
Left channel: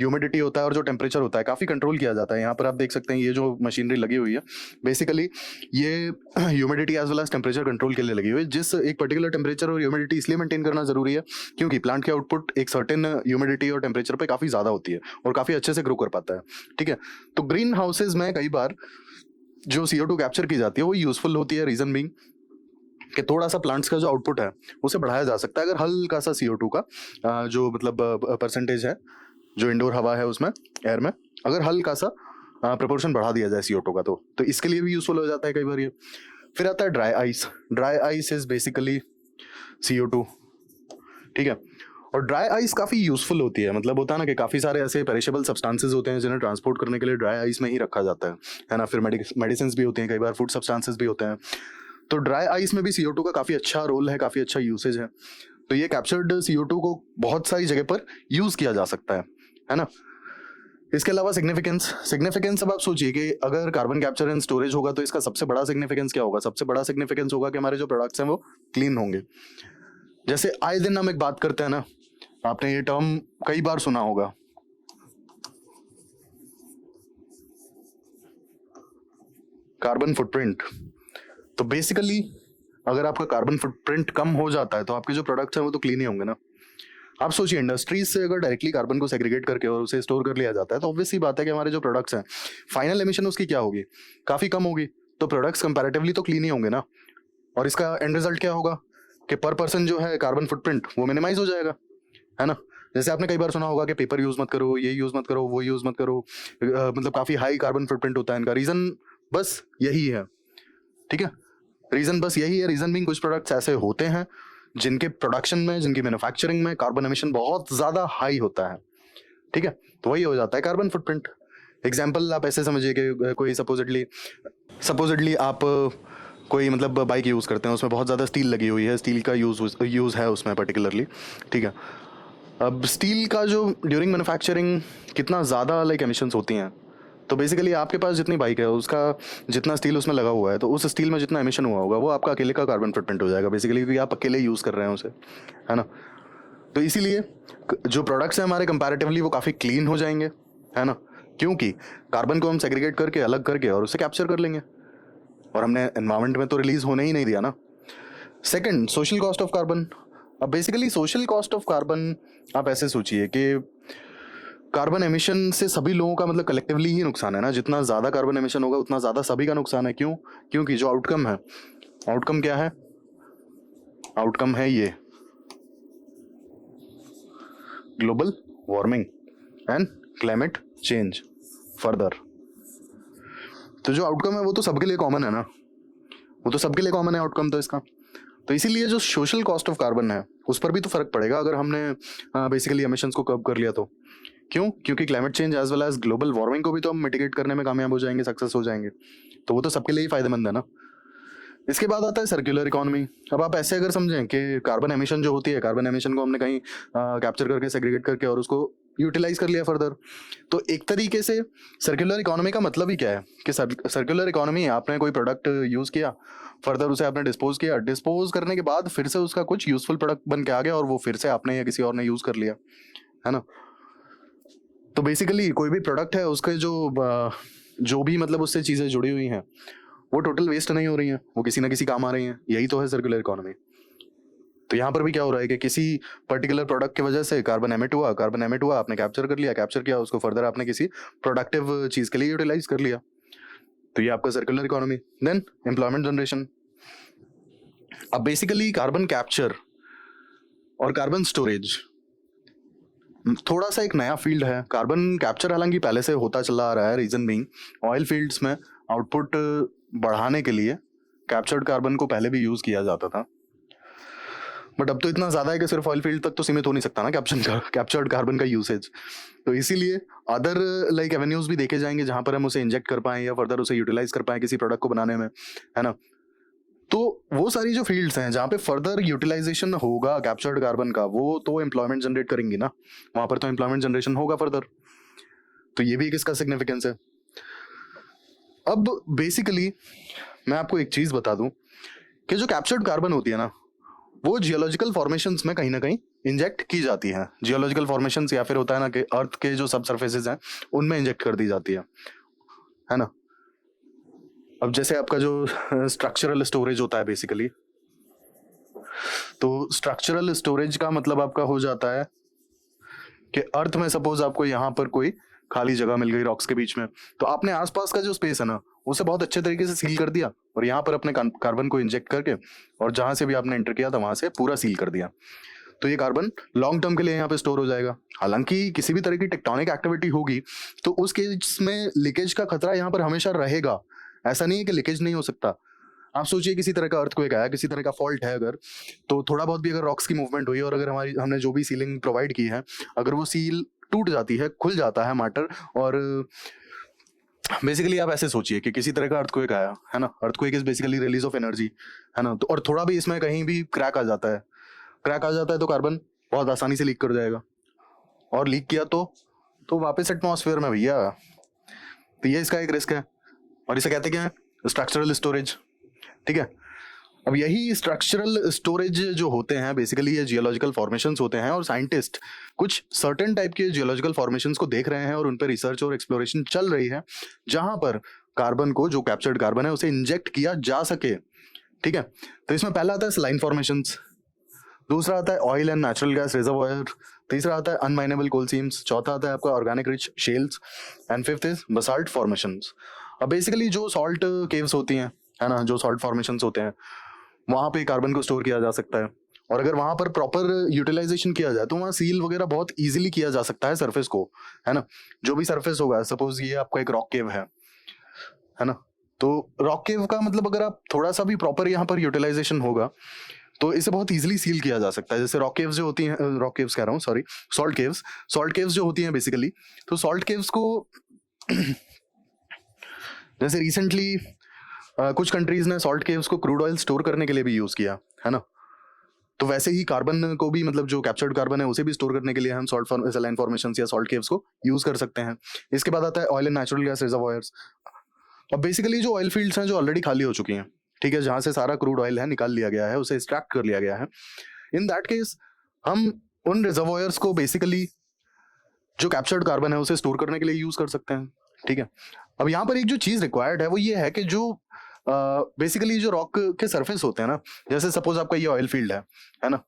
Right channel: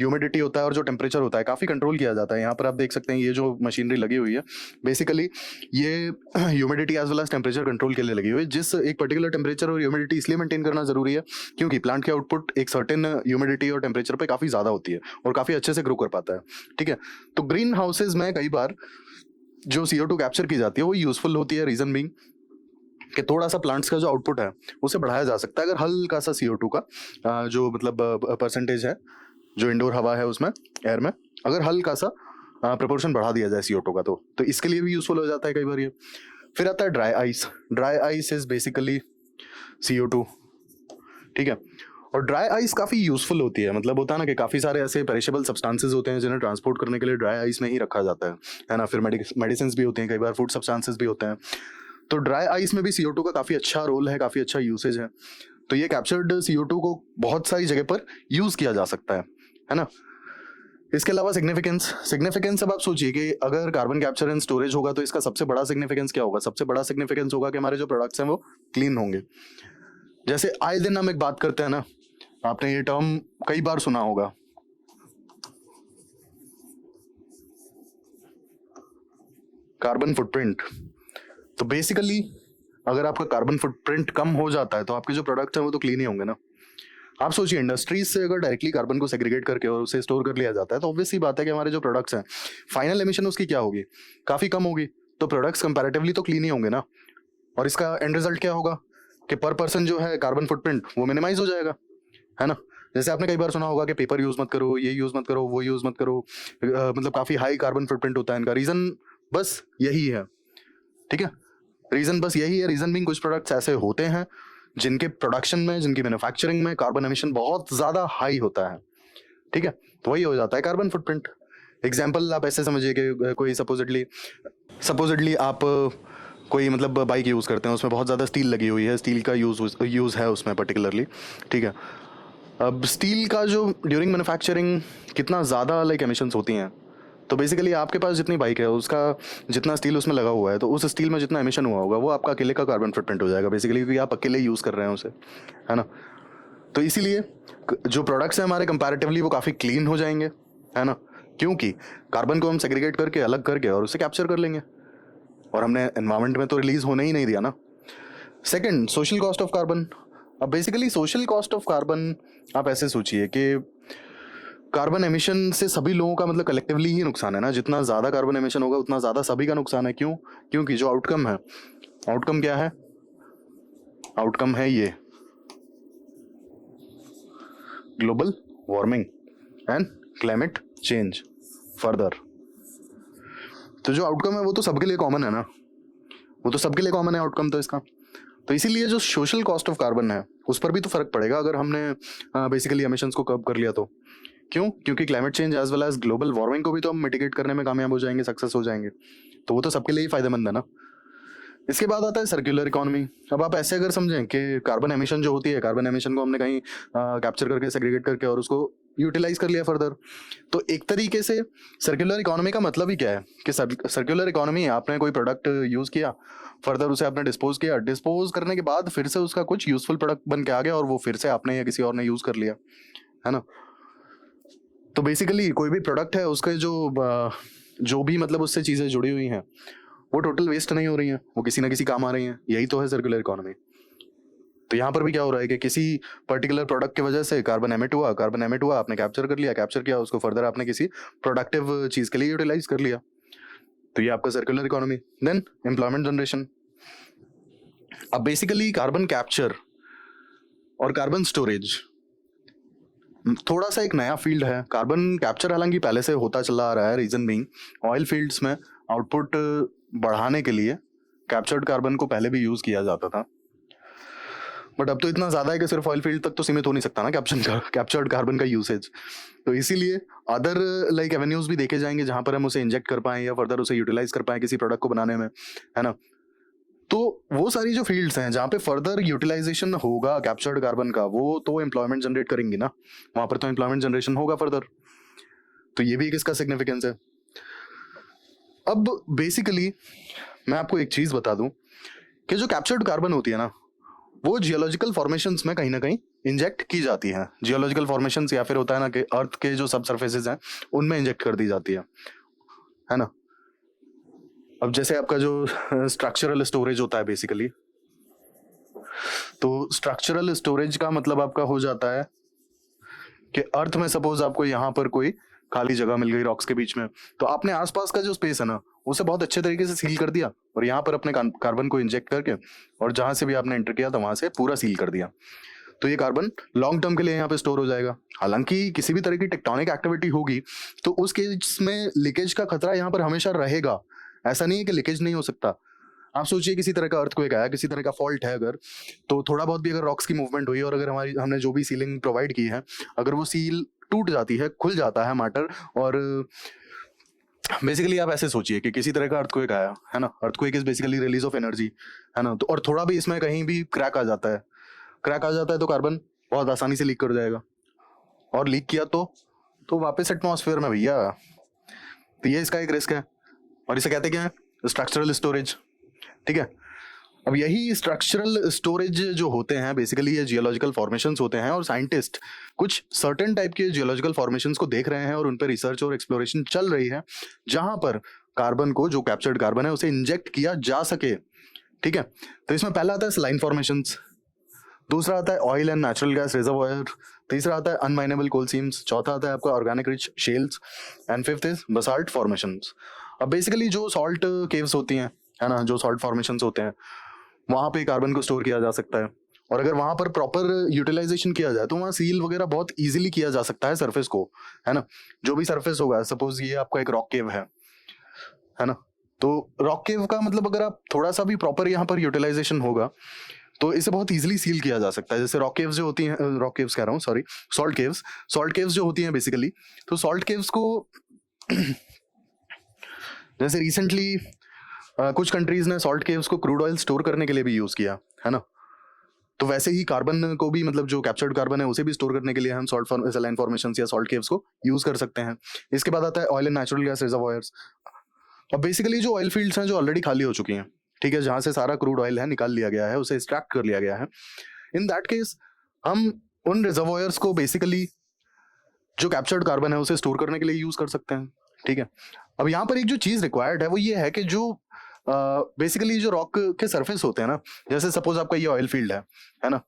ह्यूमिडिटी होता है और जो टेम्परेचर होता है काफी कंट्रोल किया जाता है। यहाँ पर आप देख सकते हैं ये जो मशीनरी लगी हुई है, बेसिकली ये humidity as well as temperature control के लिए लगी हुई है। जिस एक पर्टिकुलर टेम्परेचर और ह्यूमिडिटी इसलिए मेंटेन करना जरूरी है क्योंकि प्लांट की आउटपुट एक सर्टेन ह्यूमिडिटी और टेम्परेचर पे काफी ज्यादा होती है और काफी अच्छे से ग्रो कर पाता है। ठीक है, तो ग्रीन हाउसेज में कई बार जो CO2 कैप्चर की जाती है वो यूजफुल होती है, रीजन बीइंग कि थोड़ा सा प्लांट्स का जो आउटपुट है उसे बढ़ाया जा सकता है अगर हल्का सा CO2 का जो मतलब परसेंटेज है, जो इंडोर हवा है उसमें, एयर में, अगर हल्का सा प्रोपोर्शन बढ़ा दिया जाए CO2 का, तो इसके लिए भी यूजफुल हो जाता है कई बार ये। फिर आता है dry ice. Dry ice is basically CO2। ठीक है, और ड्राई आइस काफी यूजफुल होती है। मतलब होता है ना कि काफी सारे ऐसे पेरिशेबल सब्सटेंसेस होते हैं जिन्हें ट्रांसपोर्ट करने के लिए ड्राई आइस में ही रखा जाता है ना। फिर मेडिसिन भी होते हैं, कई बार फूड सब्सटेंसेस भी होते हैं। तो ड्राई आइस में भी CO2 का काफी अच्छा रोल है, काफी अच्छा यूसेज है। तो ये कैप्चर्ड CO2 को बहुत सारी जगह पर यूज किया जा सकता है ना। इसके अलावा सिग्निफिकेंस अब आप सोचिए कि अगर कार्बन कैप्चर एंड स्टोरेज होगा तो इसका सबसे बड़ा सिग्निफिकेंस क्या होगा। सबसे बड़ा सिग्निफिकेंस होगा कि हमारे जो प्रोडक्ट्स हैं वो क्लीन होंगे। जैसे आए दिन हम एक बात करते हैं ना, आपने ये टर्म कई बार सुना होगा, कार्बन फुटप्रिंट। तो बेसिकली अगर आपका कार्बन फुटप्रिंट कम हो जाता है तो आपके जो प्रोडक्ट्स हैं वो तो क्लीन ही होंगे ना। आप सोचिए इंडस्ट्रीज से अगर डायरेक्टली कार्बन को सेग्रीगेट करके और उसे स्टोर कर लिया जाता है तो ऑब्वियस सी बात है कि हमारे जो प्रोडक्ट्स हैं फाइनल एमिशन उसकी क्या होगी, काफी कम होगी। तो प्रोडक्ट्स कंपैरेटिवली तो क्लीन ही होंगे ना। और इसका एंड रिजल्ट क्या होगा कि पर पर्सन जो है कार्बन फुटप्रिंट वो मिनिमाइज हो जाएगा, है ना। जैसे आपने कई बार सुना होगा कि पेपर यूज मत करो, ये यूज मत करो, वो यूज मत करो, मतलब काफी हाई कार्बन फुटप्रिंट होता है इनका। रीजन बस यही है। ठीक है, रीजन बस यही है। रीजन भी कुछ प्रोडक्ट्स ऐसे होते हैं जिनके प्रोडक्शन में, जिनकी मैन्युफैक्चरिंग में कार्बन एमिशन बहुत ज्यादा हाई होता है। ठीक है, तो वही हो जाता है कार्बन फुटप्रिंट। एग्जाम्पल आप ऐसे समझिए कि कोई सपोजिटली आप कोई मतलब बाइक यूज़ करते हैं, उसमें बहुत ज़्यादा स्टील लगी हुई है, स्टील का यूज़ है उसमें पर्टिकुलरली, ठीक है। अब स्टील का जो ड्यूरिंग मैन्युफैक्चरिंग कितना ज़्यादा लाइक एमिशंस होती हैं, तो बेसिकली आपके पास जितनी बाइक है उसका जितना स्टील उसमें लगा हुआ है, तो उस स्टील में जितना एमिशन हुआ होगा वो आपका अकेले का कार्बन फुटप्रिंट हो जाएगा बेसिकली, क्योंकि आप अकेले यूज़ कर रहे हैं उसे, है ना। तो इसीलिए जो प्रोडक्ट्स हैं हमारे कंपैरेटिवली वो काफ़ी क्लीन हो जाएंगे, है ना, क्योंकि कार्बन को हम सेग्रीगेट करके अलग करके और उसे कैप्चर कर लेंगे, और हमने एनवायरनमेंट में तो रिलीज होने ही नहीं दिया ना। Second, social cost of carbon. अब basically social cost of carbon आप ऐसे सोचिए कि कार्बन एमिशन से सभी लोगों का मतलब कलेक्टिवली ही नुकसान है ना। जितना ज़्यादा कार्बन एमिशन होगा उतना ज़्यादा सभी का नुकसान है। क्यों? क्योंकि जो आउटकम है, आउटकम क्या है? आउटकम है ये global warming and climate change further. तो जो आउटकम है वो तो सबके लिए कॉमन है ना, वो तो सबके लिए कॉमन है आउटकम तो इसका। तो इसीलिए जो सोशल कॉस्ट ऑफ कार्बन है उस पर भी तो फर्क पड़ेगा अगर हमने बेसिकली एमिशंस को कर्ब कर लिया तो। क्यों? क्योंकि climate change as well as global warming को भी तो हम मिटिगेट करने में कामयाब हो जाएंगे, सक्सेस हो जाएंगे, तो वो तो सबके लिए ही फायदेमंद है ना। इसके बाद आता है सर्कुलर इकोनॉमी। अब आप ऐसे अगर समझें कि कार्बन एमिशन जो होती है, कार्बन एमिशन को हमने कहीं कैप्चर करके सेग्रीगेट करके और उसको यूटिलाइज कर लिया फर्दर, तो एक तरीके से सर्कुलर इकोनॉमी का मतलब ही क्या है कि सर्कुलर इकोनॉमी, आपने कोई प्रोडक्ट यूज किया, फर्दर उसे आपने डिस्पोज किया, डिस्पोज करने के बाद फिर से उसका कुछ यूजफुल प्रोडक्ट बन के आ गया और वो फिर से आपने या किसी और ने यूज कर लिया, है ना। तो बेसिकली कोई भी प्रोडक्ट है उसके जो भी मतलब उससे चीजें जुड़ी हुई हैं वो टोटल वेस्ट नहीं हो रही हैं, वो किसी ना किसी काम आ रही हैं। यही तो है सर्कुलर इकोनॉमी। तो यहाँ पर भी क्या हो रहा है कि किसी पर्टिकुलर प्रोडक्ट की वजह से कार्बन एमिट हुआ, आपने कैप्चर कर लिया, कैप्चर किया उसको फर्दर आपने किसी प्रोडक्टिव चीज के लिए यूटिलाइज कर लिया, तो ये आपका circular economy. Then employment generation. अब बेसिकली कार्बन कैप्चर और कार्बन स्टोरेज थोड़ा सा एक नया फील्ड है। कार्बन कैप्चर हालांकि पहले से होता चला आ रहा है, रीजन बीइंग ऑयल फील्ड्स में आउटपुट बढ़ाने के लिए कैप्चर्ड कार्बन को पहले भी यूज किया जाता था, बट अब तो इतना ज्यादा है कि सिर्फ ऑयल फील्ड तक तो सीमित हो नहीं सकता ना कैप्चर्ड कार्बन का यूसेज। तो इसीलिए अदर लाइक एवेन्यूज भी देखे जाएंगे जहां पर हम उसे इंजेक्ट कर पाएं या फर्दर उसे यूटिलाइज कर पाएं किसी प्रोडक्ट को बनाने में, है ना। तो वो सारी जो फील्ड्स हैं जहाँ पे फर्दर यूटिलाइजेशन होगा कैप्चर्ड कार्बन का, वो तो एम्प्लॉयमेंट जनरेट करेंगे ना, वहां पर तो एम्प्लॉयमेंट जनरेशन होगा फर्दर। तो ये भी एक इसका सिग्निफिकेंस है। अब बेसिकली मैं आपको एक चीज बता दूं कि जो कैप्चर्ड कार्बन होती है ना वो जियोलॉजिकल फॉर्मेशंस में कहीं ना कहीं इंजेक्ट की जाती है। जियोलॉजिकल फॉर्मेशंस या फिर होता है ना कि अर्थ के जो सब सरफेसेस हैं उनमें इंजेक्ट कर दी जाती है ना। अब जैसे आपका जो स्ट्रक्चरल स्टोरेज होता है बेसिकली, तो स्ट्रक्चरल स्टोरेज का मतलब आपका हो जाता है कि अर्थ में सपोज आपको यहाँ पर कोई खाली जगह मिल गई रॉक्स के बीच में, तो आपने आसपास का जो स्पेस है ना उसे बहुत अच्छे तरीके से सील कर दिया और यहाँ पर अपने कार्बन को इंजेक्ट करके और जहां से भी आपने एंटर किया था वहां से पूरा सील कर दिया, तो ये कार्बन लॉन्ग टर्म के लिए यहाँ पे स्टोर हो जाएगा। हालांकि किसी भी तरह की टेक्टोनिक एक्टिविटी होगी तो उस केस में लीकेज का खतरा यहाँ पर हमेशा रहेगा, ऐसा नहीं है कि लीकेज नहीं हो सकता। आप सोचिए किसी तरह का अर्थक्वेक आया, किसी तरह का फॉल्ट है अगर, तो थोड़ा बहुत भी अगर रॉक्स की मूवमेंट हुई और अगर हमने जो भी सीलिंग प्रोवाइड की है अगर वो सील टूट जाती है, खुल जाता है मैटर, और बेसिकली आप ऐसे सोचिए कि किसी तरह का अर्थक्वेक आया है ना, earthquake is basically release of energy, है ना, तो और थोड़ा भी इसमें कहीं भी क्रैक आ जाता है तो कार्बन बहुत आसानी से लीक कर जाएगा, और लीक किया तो वापस एटमॉस्फेयर में भैया। तो ये इसका एक रिस्क है और इसे कहते क्या है? स्ट्रक्चरल स्टोरेज, ठीक है। अब यही स्ट्रक्चरल स्टोरेज जो होते हैं बेसिकली ये जियोलॉजिकल फॉर्मेशंस होते हैं, और साइंटिस्ट कुछ सर्टेन टाइप के जियोलॉजिकल फॉर्मेशंस को देख रहे हैं और उन पर रिसर्च और एक्सप्लोरेशन चल रही है जहां पर कार्बन को, जो कैप्चर्ड कार्बन है, उसे इंजेक्ट किया जा सके, ठीक है। तो इसमें पहला आता है सलाइन फॉर्मेशंस, दूसरा आता है oil and natural gas reservoir, तीसरा आता है अनमाइनेबल कोल सीम्स, चौथा आता है आपका organic rich shells, and fifth is basalt formations. अब बेसिकली जो सॉल्ट केव्स होती हैं, है ना, जो सॉल्ट फॉर्मेशंस होते हैं वहां पे कार्बन को स्टोर किया जा सकता है, और अगर वहां पर प्रॉपर यूटिलाइजेशन किया जाए तो वहां सील वगैरह बहुत इजीली किया जा सकता है सरफेस को, है ना। जो भी सरफेस होगा, सपोज ये आपका एक रॉक केव है ना, तो रॉक केव का मतलब अगर आप थोड़ा सा भी प्रॉपर यहाँ पर यूटिलाइजेशन होगा तो इसे बहुत इजीली सील किया जा सकता है। जैसे रॉक केव्स जो होती हैं, रॉक केव्स कह रहा हूँ, सॉरी, सॉल्ट केव्स जो होती हैं बेसिकली, तो सॉल्ट केव्स को जैसे रिसेंटली कुछ कंट्रीज ने सॉल्ट केव्स को क्रूड ऑयल स्टोर करने के लिए भी यूज किया है ना। तो वैसे ही कार्बन को भी, मतलब जो कैप्चर्ड कार्बन है उसे भी स्टोर करने के लिए हम सॉल्ट सलाइन फॉर्मेशंस या सॉल्ट केव्स को यूज कर सकते हैं। इसके बाद आता है oil and natural gas reservoirs. और बेसिकली जो ऑयल फील्ड्स हैं जो ऑलरेडी खाली हो चुकी हैं, ठीक है, जहां से सारा क्रूड ऑयल है निकाल लिया गया है, उसे एक्सट्रैक्ट कर लिया गया है, इन दैट केस हम उन रिजर्वॉयर्स को बेसिकली जो कैप्चर्ड कार्बन है उसे स्टोर करने के लिए यूज कर सकते हैं। ठीक है, अब यहाँ पर एक जो चीज रिक्वायर्ड है वो ये है कि जो बेसिकली जो रॉक के सरफेस होते हैं ना, जैसे सपोज आपका ये ऑयल फील्ड है ना,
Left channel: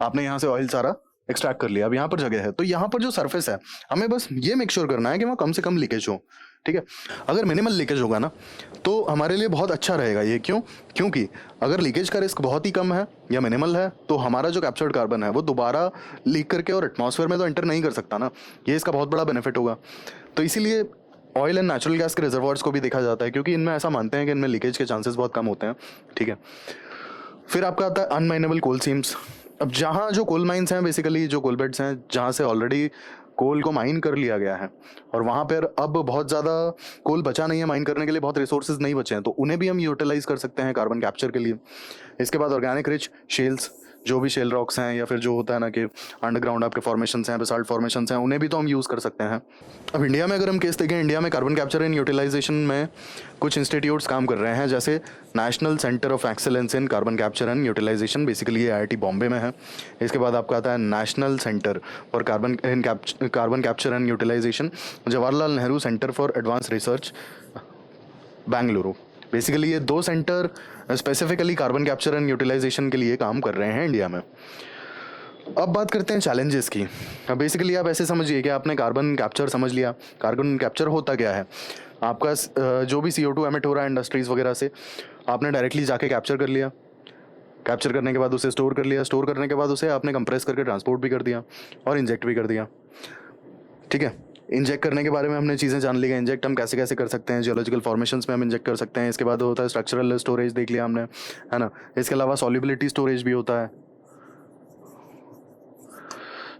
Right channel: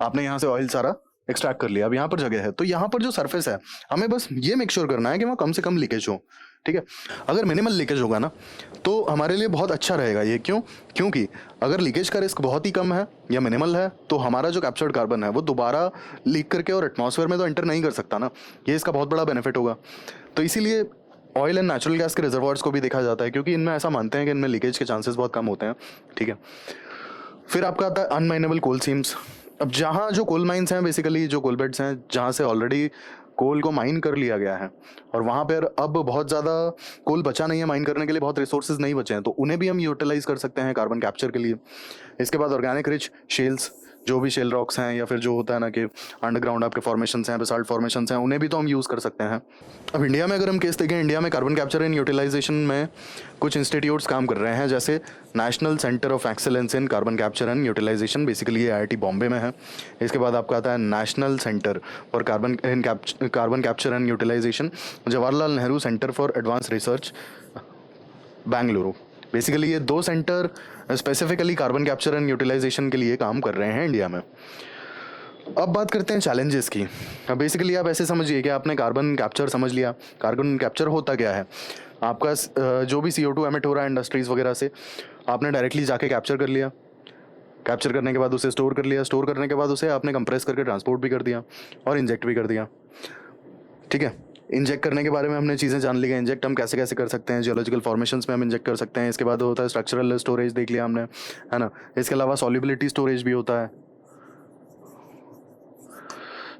आपने यहाँ से ऑयल सारा एक्सट्रैक्ट कर लिया, अब यहाँ पर जगह है, तो यहाँ पर जो सरफेस है हमें बस ये मेक श्योर करना है कि वहाँ कम से कम लीकेज हो। ठीक है, अगर मिनिमल लीकेज होगा ना तो हमारे लिए बहुत अच्छा रहेगा ये। क्योंकि अगर लीकेज का रिस्क बहुत ही कम है या मिनिमल है तो हमारा जो कैप्चर्ड कार्बन है वो दोबारा लीक करके और एटमॉस्फेयर में तो एंटर नहीं कर सकता ना, ये इसका बहुत बड़ा बेनिफिट होगा। तो इसीलिए ऑयल एंड नेचुरल गैस के रिजर्वॉयर्स को भी देखा जाता है, क्योंकि इनमें ऐसा मानते हैं कि इनमें लीकेज के चांसेस बहुत कम होते हैं। ठीक है, फिर आपका आता है अनमाइनेबल कोल सीम्स। अब जहाँ जो कोल माइंस हैं, बेसिकली जो कोल बेड्स हैं जहाँ से ऑलरेडी कोल को माइन कर लिया गया है और वहाँ पर अब बहुत ज़्यादा कोल बचा नहीं है माइन करने के लिए, बहुत रिसोर्सेज नहीं बचे हैं, तो उन्हें भी हम यूटिलाइज कर सकते हैं कार्बन कैप्चर के लिए। इसके बाद ऑर्गेनिक रिच शेल्स, जो भी शेल रॉक्स हैं या फिर जो होता है ना कि अंडरग्राउंड आपके फॉर्मेशंस हैं, बेसाल्ट फॉर्मेशंस हैं, उन्हें भी तो हम यूज़ कर सकते हैं। अब इंडिया में अगर हम केस देखें, इंडिया में कार्बन कैप्चर एंड यूटिलाइजेशन में कुछ इंस्टीट्यूट्स काम कर रहे हैं, जैसे national centre of excellence in carbon capture and utilisation, basically ये IIT बॉम्बे में है। इसके बाद आपका आता है national centre for carbon capture and utilisation, Jawaharlal Nehru centre for advance research, Bengaluru. Basically ये दो centre specifically carbon capture and utilisation के लिए काम कर रहे हैं इंडिया में। अब बात करते हैं चैलेंजेस की। अब बेसिकली आप ऐसे समझिए कि आपने कार्बन कैप्चर समझ लिया। कार्बन कैप्चर होता क्या है, आपका जो भी CO2 एमिट हो रहा है इंडस्ट्रीज़ वगैरह से, आपने डायरेक्टली जाके कैप्चर कर लिया, कैप्चर करने के बाद उसे स्टोर कर लिया, स्टोर करने के बाद उसे आपने कंप्रेस करके ट्रांसपोर्ट भी कर दिया और इंजेक्ट भी कर दिया। ठीक है, इंजेक्ट करने के बारे में हमने चीज़ें जान ली। इंजेक्ट हम कैसे कैसे कर सकते हैं, जियोलॉजिकल फॉर्मेशंस में हम इंजेक्ट कर सकते हैं। इसके बाद होता है स्ट्रक्चरल स्टोरेज, देख लिया हमने, है ना। इसके अलावा सॉल्युबिलिटी स्टोरेज भी होता है।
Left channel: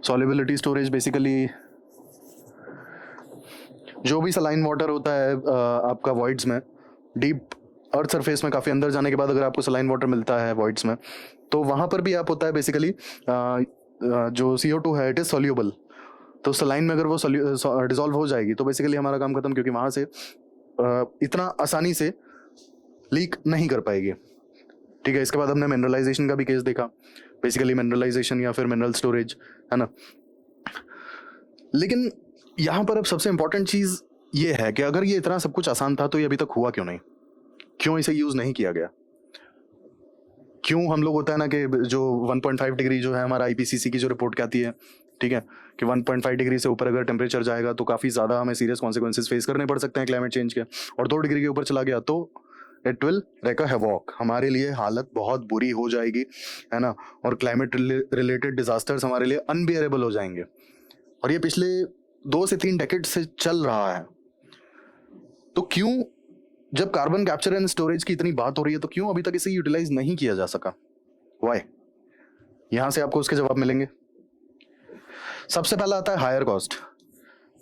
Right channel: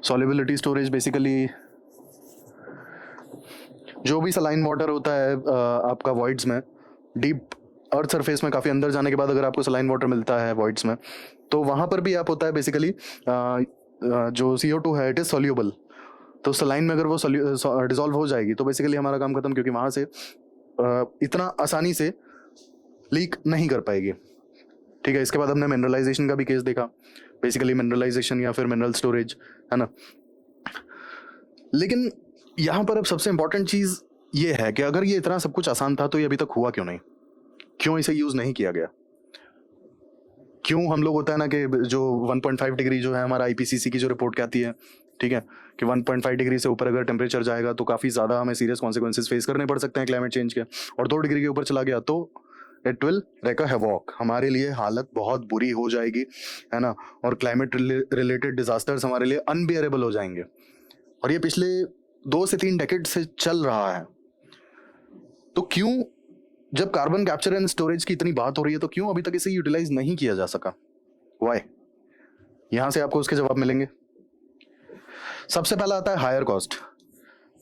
सॉल्युबिलिटी स्टोरेज बेसिकली जो भी सलाइन वाटर होता है आपका वॉइड्स में, डीप अर्थ सरफेस में काफ़ी अंदर जाने के बाद अगर आपको सलाइन वाटर मिलता है वॉइड्स में, तो वहाँ पर भी आप होता है बेसिकली जो CO2 है इट इज़ सॉल्यूबल। तो सलाइन में अगर वो डिजॉल्व हो जाएगी तो बेसिकली हमारा काम खत्म, क्योंकि वहाँ से इतना आसानी से लीक नहीं कर पाएगी। ठीक है, इसके बाद हमने मिनरलाइजेशन का भी केस देखा, बेसिकली मिनरलाइजेशन या फिर मिनरल स्टोरेज, है ना। लेकिन यहाँ पर अब सबसे इंपॉर्टेंट चीज़ ये है कि अगर ये इतना सब कुछ आसान था तो ये अभी तक हुआ क्यों नहीं, क्यों इसे यूज़ नहीं किया गया, क्यों हम लोग होता है ना कि जो 1.5 डिग्री जो है हमारा IPCC की जो रिपोर्ट कहती है, ठीक है, कि 1.5 डिग्री से ऊपर अगर टेम्परेचर जाएगा तो काफ़ी ज़्यादा हमें सीरियस कॉन्सिक्वेंसेस फेस करने पड़ सकते हैं क्लाइमेट चेंज के, और 2 डिग्री के ऊपर चला गया तो it will wreak a havoc, हमारे लिए हालत बहुत बुरी हो जाएगी, है ना। और क्लाइमेट रिलेटेड डिजास्टर्स हमारे लिए अनबियरेबल हो जाएंगे। और ये पिछले 2 से 3 डेकेड से चल रहा है। तो क्यों, जब कार्बन कैप्चर एंड स्टोरेज की इतनी बात हो रही है, तो क्यों अभी तक इसे यूटिलाइज नहीं किया जा सका, वाई? यहां से आपको उसके जवाब मिलेंगे। सबसे पहला आता है हायर कॉस्ट।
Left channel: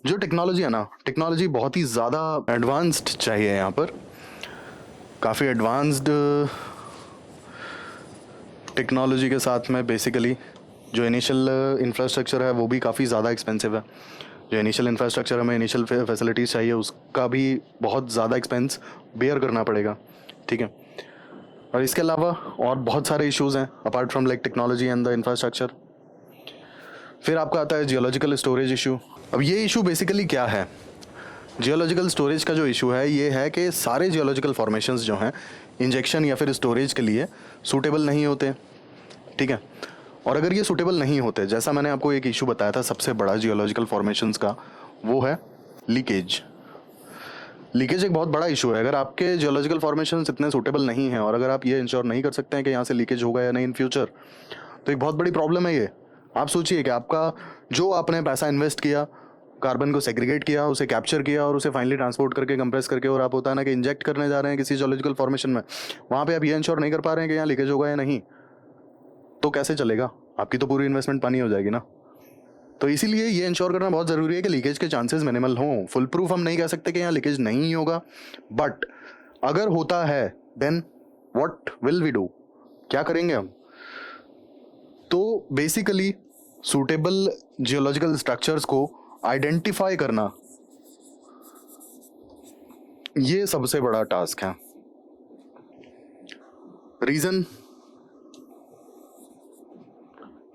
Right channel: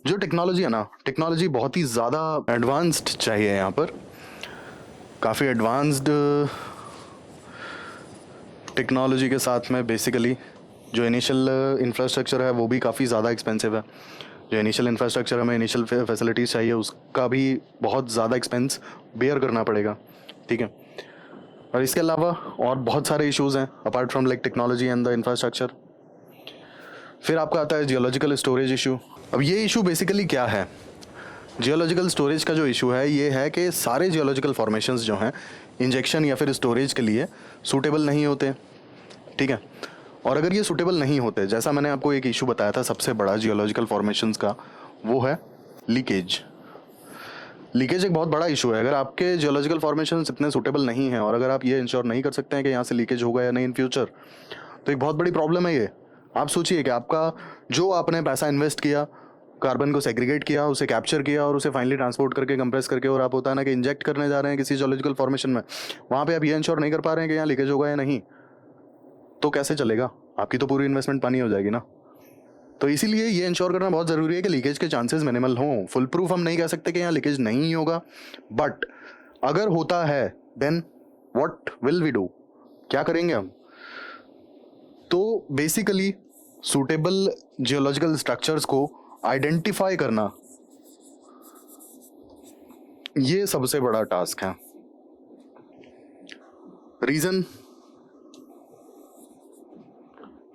जो टेक्नोलॉजी है ना, टेक्नोलॉजी बहुत ही ज़्यादा एडवांस्ड चाहिए यहाँ पर, काफ़ी एडवांस्ड टेक्नोलॉजी के साथ में बेसिकली जो इनिशियल इंफ्रास्ट्रक्चर है वो भी काफ़ी ज़्यादा एक्सपेंसिव है। जो इनिशियल इंफ्रास्ट्रक्चर हमें इनिशियल फैसिलिटीज़ चाहिए उसका भी बहुत ज़्यादा एक्सपेंस बेयर करना पड़ेगा। ठीक है, और इसके अलावा और बहुत सारे इश्यूज़ हैं apart from like technology and the infrastructure. फिर आपका आता है जियोलॉजिकल स्टोरेज इशू। अब ये इशू बेसिकली क्या है, जियोलॉजिकल स्टोरेज का जो इशू है ये है कि सारे जियोलॉजिकल फॉर्मेशंस जो हैं इंजेक्शन या फिर स्टोरेज के लिए सूटेबल नहीं होते। ठीक है, और अगर ये सूटेबल नहीं होते, जैसा मैंने आपको एक इशू बताया था सबसे बड़ा जियोलॉजिकल फॉर्मेशंस का, वो है लीकेज। लीकेज एक बहुत बड़ा इशू है। अगर आपके जियोलॉजिकल फॉर्मेशंस इतने सूटेबल नहीं हैं और अगर आप ये इंश्योर नहीं कर सकते हैं कि यहाँ से लीकेज होगा या नहीं इन फ्यूचर, तो एक बहुत बड़ी प्रॉब्लम है ये। आप सोचिए कि आपका जो आपने पैसा इन्वेस्ट किया, कार्बन को सेग्रीगेट किया, उसे कैप्चर किया और उसे फाइनली ट्रांसपोर्ट करके कंप्रेस करके, और आप होता है ना कि इंजेक्ट करने जा रहे हैं किसी जियोलॉजिकल फॉर्मेशन में, वहाँ पे आप ये इंश्योर नहीं कर पा रहे हैं कि यहाँ लीकेज होगा या नहीं। तो कैसे चलेगा, आपकी तो पूरी इन्वेस्टमेंट पानी हो जाएगी ना। तो इसीलिए ये इंश्योर करना बहुत ज़रूरी है कि लीकेज के चांसेस मिनिमल हों। फुल प्रूफ हम नहीं कह सकते कि यहाँ लीकेज नहीं होगा, बट अगर होता है then what will we do, क्या करेंगे हम। तो बेसिकली सूटेबल जियोलॉजिकल स्ट्रक्चर्स को आइडेंटिफाई करना ये सबसे बड़ा टास्क है। रीजन